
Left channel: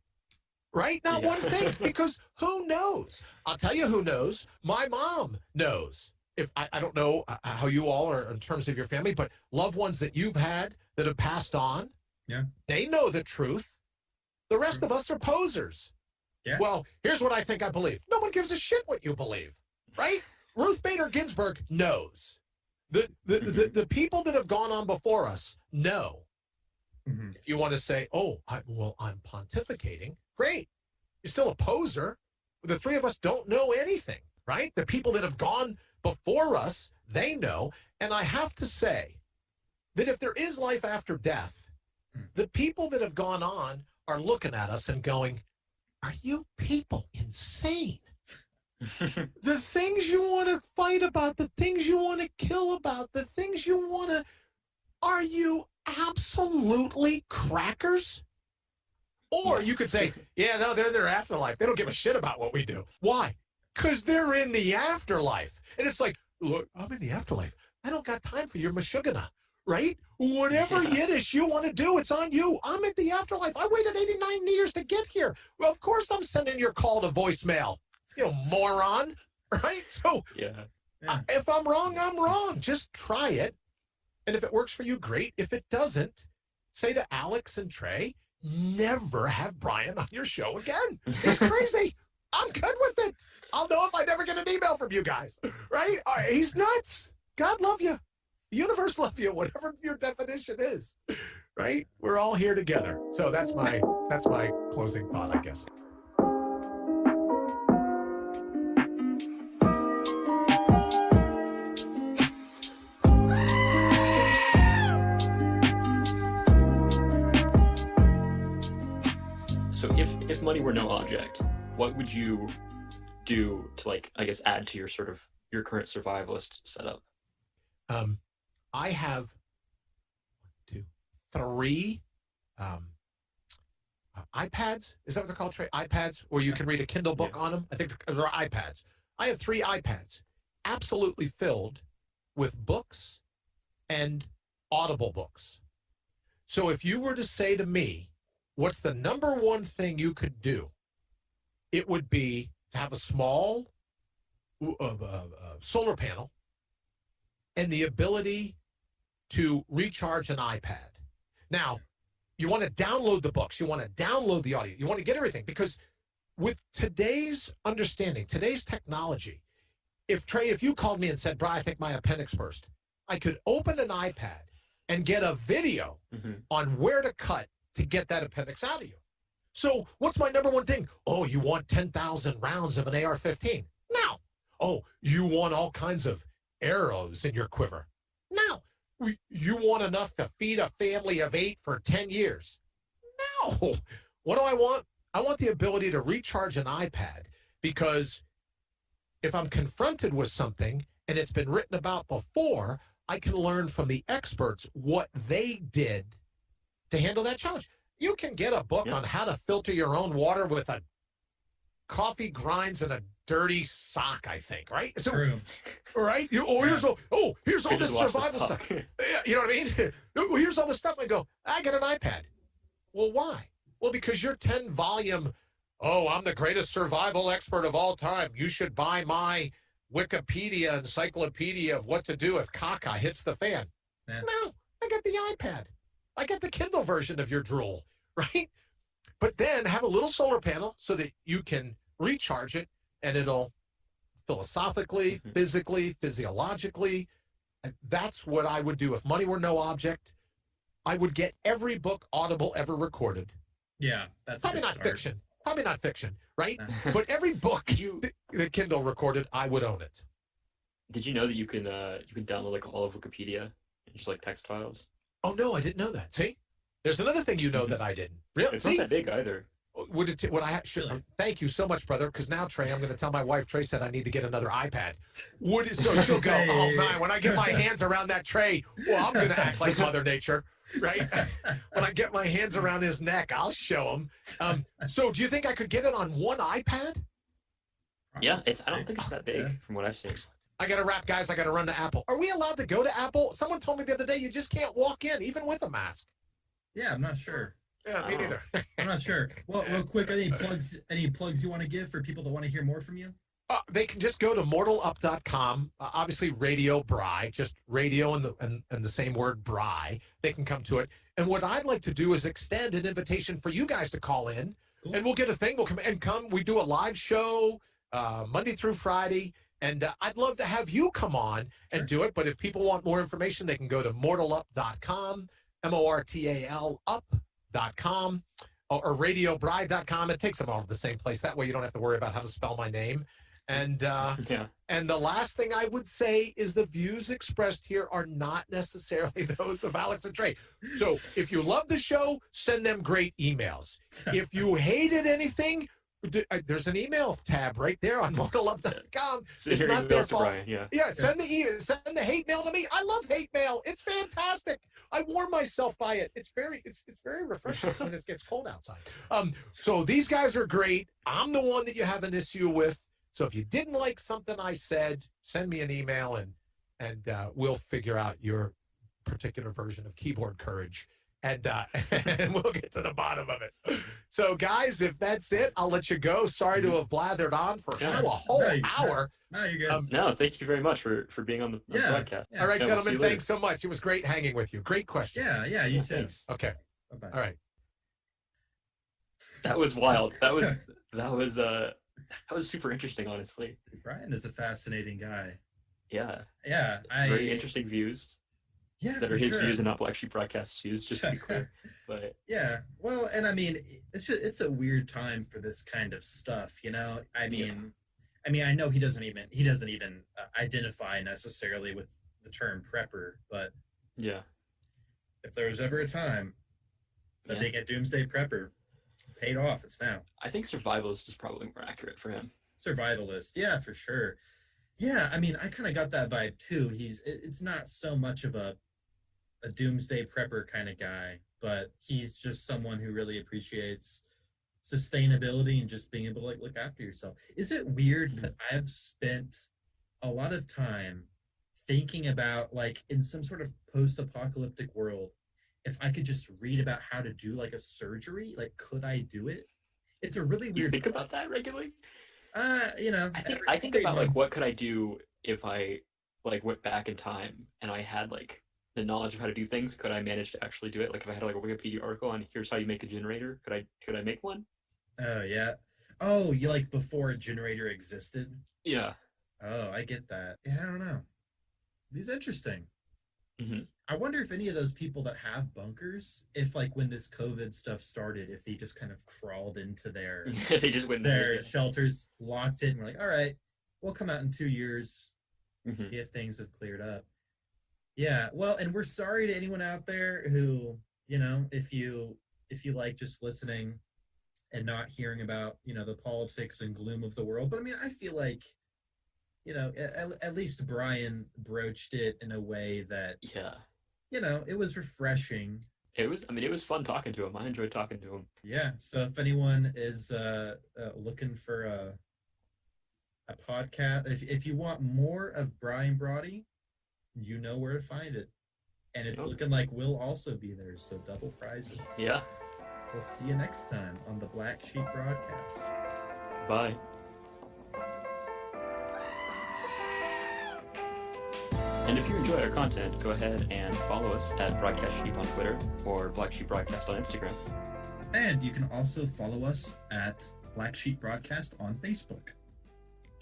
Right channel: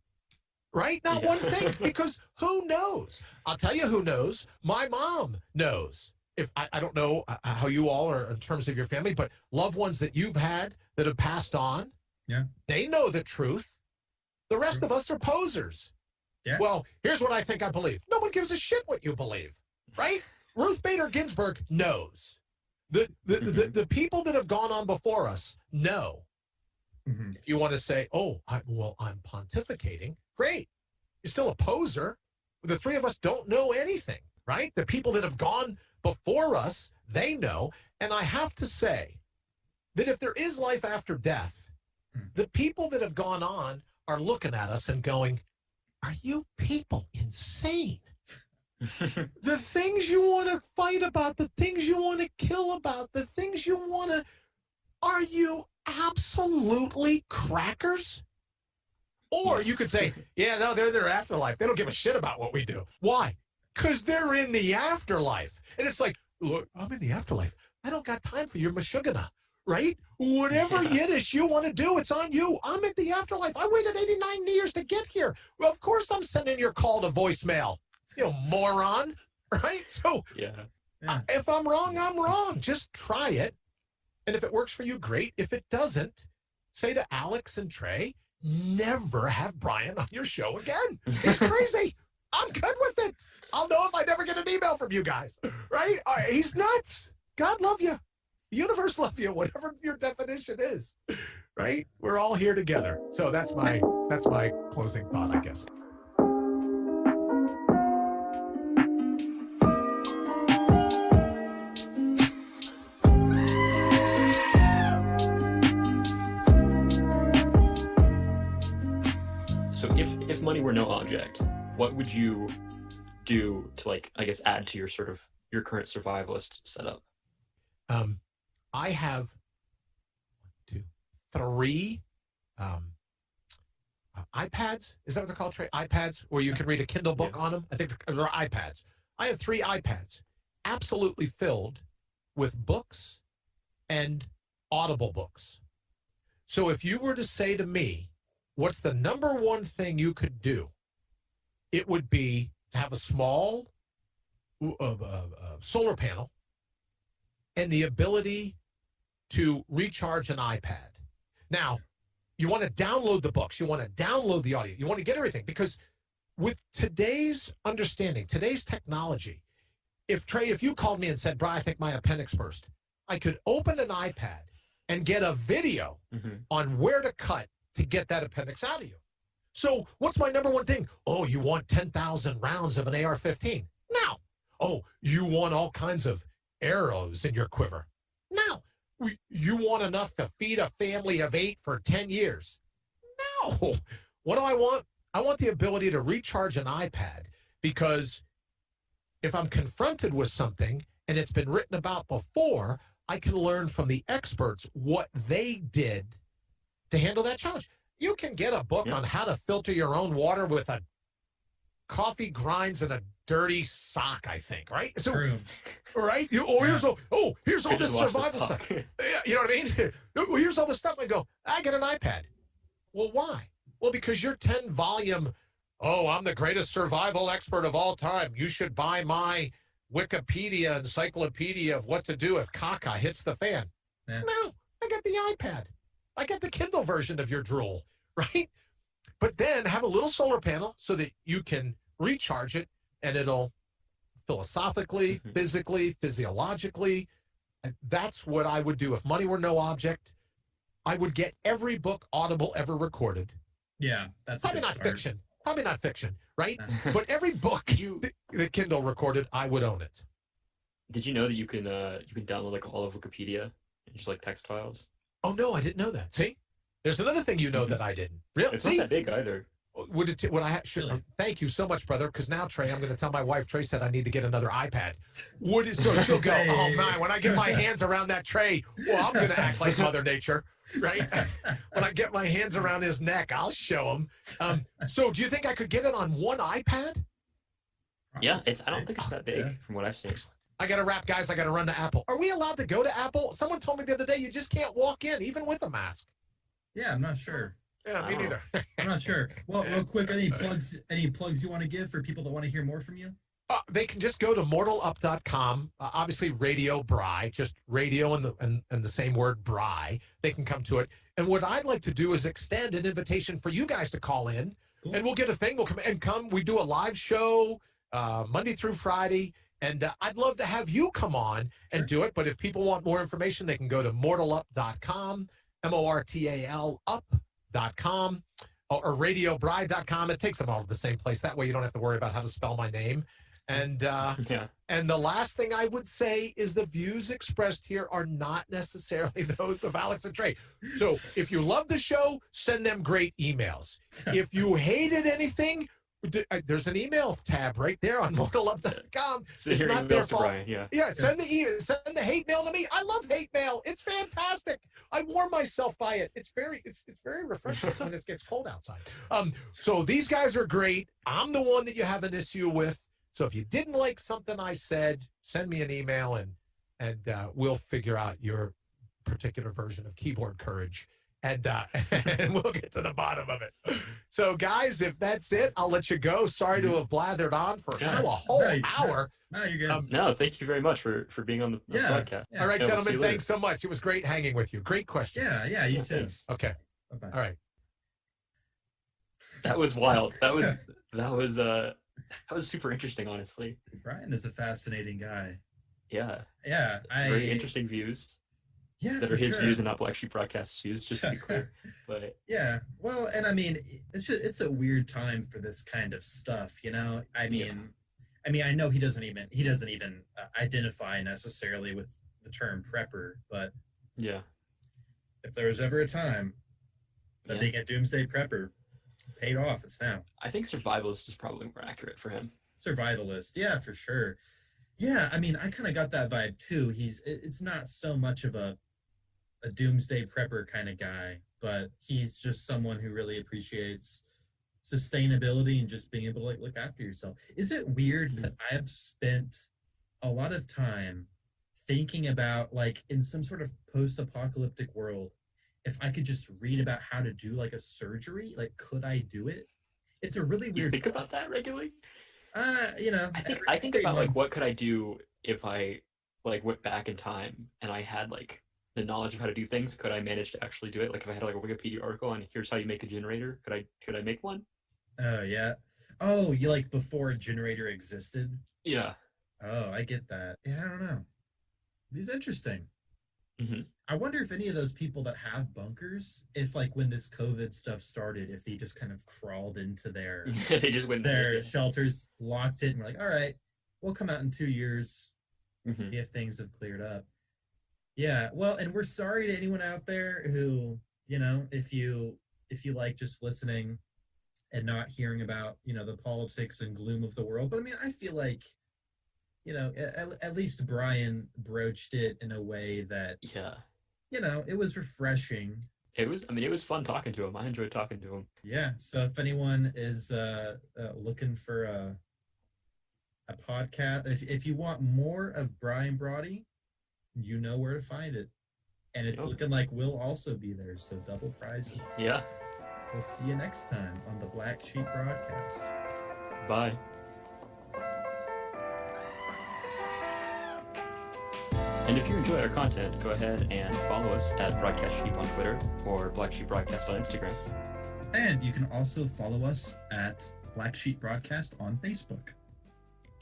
right? Not one thing, because who knows? I'll tell you who knows. My mom knows. If I don't know how you all are in terms of your family, but loved ones that you've had that have passed on, they know the truth. The rest of us are posers. Yeah. Well, here's what I think I believe. No one gives a shit what you believe, right? Ruth Bader Ginsburg knows. The people that have gone on before us know. Mm-hmm. If you want to say, I'm pontificating, great. You're still a poser. The three of us don't know anything, right? The people that have gone before us, they know. And I have to say that if there is life after death, the people that have gone on are looking at us and going, are you people insane? The things you want to fight about, the things you want to kill about, the things you want to, are you absolutely crackers? Or you could say, they're in their afterlife. They don't give a shit about what we do. Why? Because they're in the afterlife. And it's like, look, I'm in the afterlife. I don't got time for your mashugana. Right? Whatever Yiddish you want to do, it's on you. I'm in the afterlife. I waited 89 years to get here. Well, of course I'm sending your call to voicemail. Moron. Right? So if I'm wrong, I'm wrong. Just try it. And if it works for you, great. If it doesn't, say to Alex and Trey, never have Brian on your show again. He's crazy. I'm good with it. I'll know if I never get an email from you guys. Right? He's nuts. God love you. The universe love you, whatever your definition is, right? We're all here together. So that's my closing thought, I guess. So if money were no object, what would you do to add to your current survivalist setup? I have 3 iPads. Is that what they're called, Trey? iPads, where you can read a Kindle book on them? I think they're iPads. I have 3 iPads absolutely filled with books and Audible books. So if you were to say to me, what's the number one thing you could do? It would be to have a small solar panel and the ability to recharge an iPad. Now, you want to download the books. You want to download the audio. You want to get everything. Because with today's understanding, today's technology, if you called me and said, Brian, I think my appendix burst, I could open an iPad and get a video on where to cut to get that appendix out of you. So what's my number one thing? Oh, you want 10,000 rounds of an AR-15? No. Oh, you want all kinds of arrows in your quiver? No. You want enough to feed a family of 8 for 10 years? No. What do I want? I want the ability to recharge an iPad, because if I'm confronted with something and it's been written about before, I can learn from the experts what they did to handle that challenge. You can get a book on how to filter your own water with a coffee grinds and a dirty sock, I think, right? So, True. right? Here's all this survival stuff. You know what I mean? Here's all this stuff. I go, I get an iPad. Well, why? Well, because your 10-volume, I'm the greatest survival expert of all time. You should buy my Wikipedia encyclopedia of what to do if caca hits the fan. Yeah. No, I get the iPad. I get the Kindle version of your drool, right? But then have a little solar panel so that you can recharge it, and it'll philosophically, physically, physiologically. And that's what I would do if money were no object. I would get every book Audible ever recorded. Yeah, that's probably not start. fiction. Probably not fiction, right? But every book that Kindle recorded, I would own it. Did you know that you can download like all of Wikipedia and just like text files? Oh no, I didn't know that. See, there's another thing you know that I didn't. Really? It's not that big either. Would I should? Really? Thank you so much, brother. Because now, Trey, I'm going to tell my wife. Trey said I need to get another iPad. So she'll go. Oh man, when I get my hands around that Trey, well, I'm going to act like Mother Nature, right? When I get my hands around his neck, I'll show him. So, do you think I could get it on one iPad? Yeah, I don't think it's that big from what I've seen. I got to wrap, guys. I got to run to Apple. Are we allowed to go to Apple? Someone told me the other day you just can't walk in, even with a mask. Yeah, I'm not sure. Yeah, me neither. I'm not sure. Well, real quick, any plugs you want to give for people that want to hear more from you? They can just go to mortalup.com. Obviously, Radio Bry, just radio and the same word Bry. They can come to it. And what I'd like to do is extend an invitation for you guys to call in, and we'll get a thing. We'll come. We do a live show Monday through Friday. And I'd love to have you come on and do it. But if people want more information, they can go to mortalup.com, MORTAL up.com, or radiobride.com. It takes them all to the same place. That way you don't have to worry about how to spell my name. And and the last thing I would say is the views expressed here are not necessarily those of Alex and Trey. So if you love the show, send them great emails. If you hated anything, there's an email tab right there on mortalup.com. It's not their fault. Brian, yeah, send the email, send the hate mail to me. I love hate mail. It's fantastic. I warm myself by it. It's very refreshing when it gets cold outside. So these guys are great. I'm the one that you have an issue with. So if you didn't like something I said, send me an email and we'll figure out your particular version of keyboard courage. And we'll get to the bottom of it. So, guys, if that's it, I'll let you go. Sorry to have blathered on for a whole hour. No, you're good. No, thank you very much for being on the podcast. All right, gentlemen, thanks so much. It was great hanging with you. Great questions. Yeah, you too. Thanks. Okay. Bye-bye. All right. That was wild. That was super interesting, honestly. Brian is a fascinating guy. Yeah. Yeah. Very interesting views. Yeah, that are his views and not BlackSheep Broadcast's views, just to be clear. But yeah, well, and I mean, it's a weird time for this kind of stuff, you know. I know he doesn't even identify necessarily with the term prepper, but yeah, if there was ever a time that being a doomsday prepper paid off, it's now. I think survivalist is probably more accurate for him. Survivalist, yeah, for sure. Yeah, I mean, I kind of got that vibe too. It's not so much of a doomsday prepper kind of guy, but he's just someone who really appreciates sustainability and just being able to look after yourself. Is it weird that I've spent a lot of time thinking about, like, in some sort of post-apocalyptic world, if I could just read about how to do like a surgery, like, could I do it? It's a really weird. You think about that regularly? You know, I think about like, what could I do if I like went back in time and I had like the knowledge of how to do things? Could I manage to actually do it? Like if I had like a Wikipedia article on here's how you make a generator, could I make one? Oh yeah. Oh, you like before a generator existed? Yeah. Oh, I get that. Yeah, I don't know. It's interesting. Mm-hmm. I wonder if any of those people that have bunkers, if like when this COVID stuff started, if they just kind of crawled into their they just went their shelters, locked it, and were like, all right, we'll come out in 2 years, see if things have cleared up. Yeah, well, and we're sorry to anyone out there who, if you like just listening and not hearing about, the politics and gloom of the world. But I mean, I feel like, at least Brian broached it in a way that, Yeah. it was refreshing. It was fun talking to him. I enjoyed talking to him. Yeah. So if anyone is looking for a podcast, if you want more of Brian Brawdy, you know where to find it. And it's looking like we'll also be there, so double prizes. Yeah. We'll see you next time on the Black Sheep broadcast. Bye. And if you enjoy our content, go ahead and follow us at Broadcast Sheep on Twitter or Black Sheep Broadcast on Instagram. And you can also follow us at Black Sheep Broadcast on Facebook.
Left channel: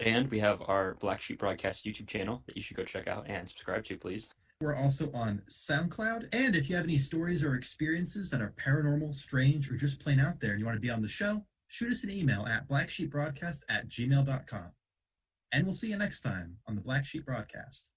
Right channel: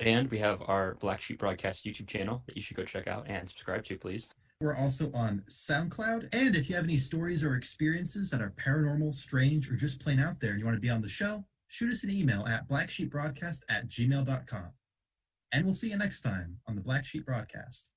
And we have our Black Sheep Broadcast YouTube channel that you should go check out and subscribe to, please. We're also on SoundCloud. And if you have any stories or experiences that are paranormal, strange, or just plain out there and you want to be on the show, shoot us an email at blacksheepbroadcast@gmail.com. And we'll see you next time on the Black Sheep Broadcast.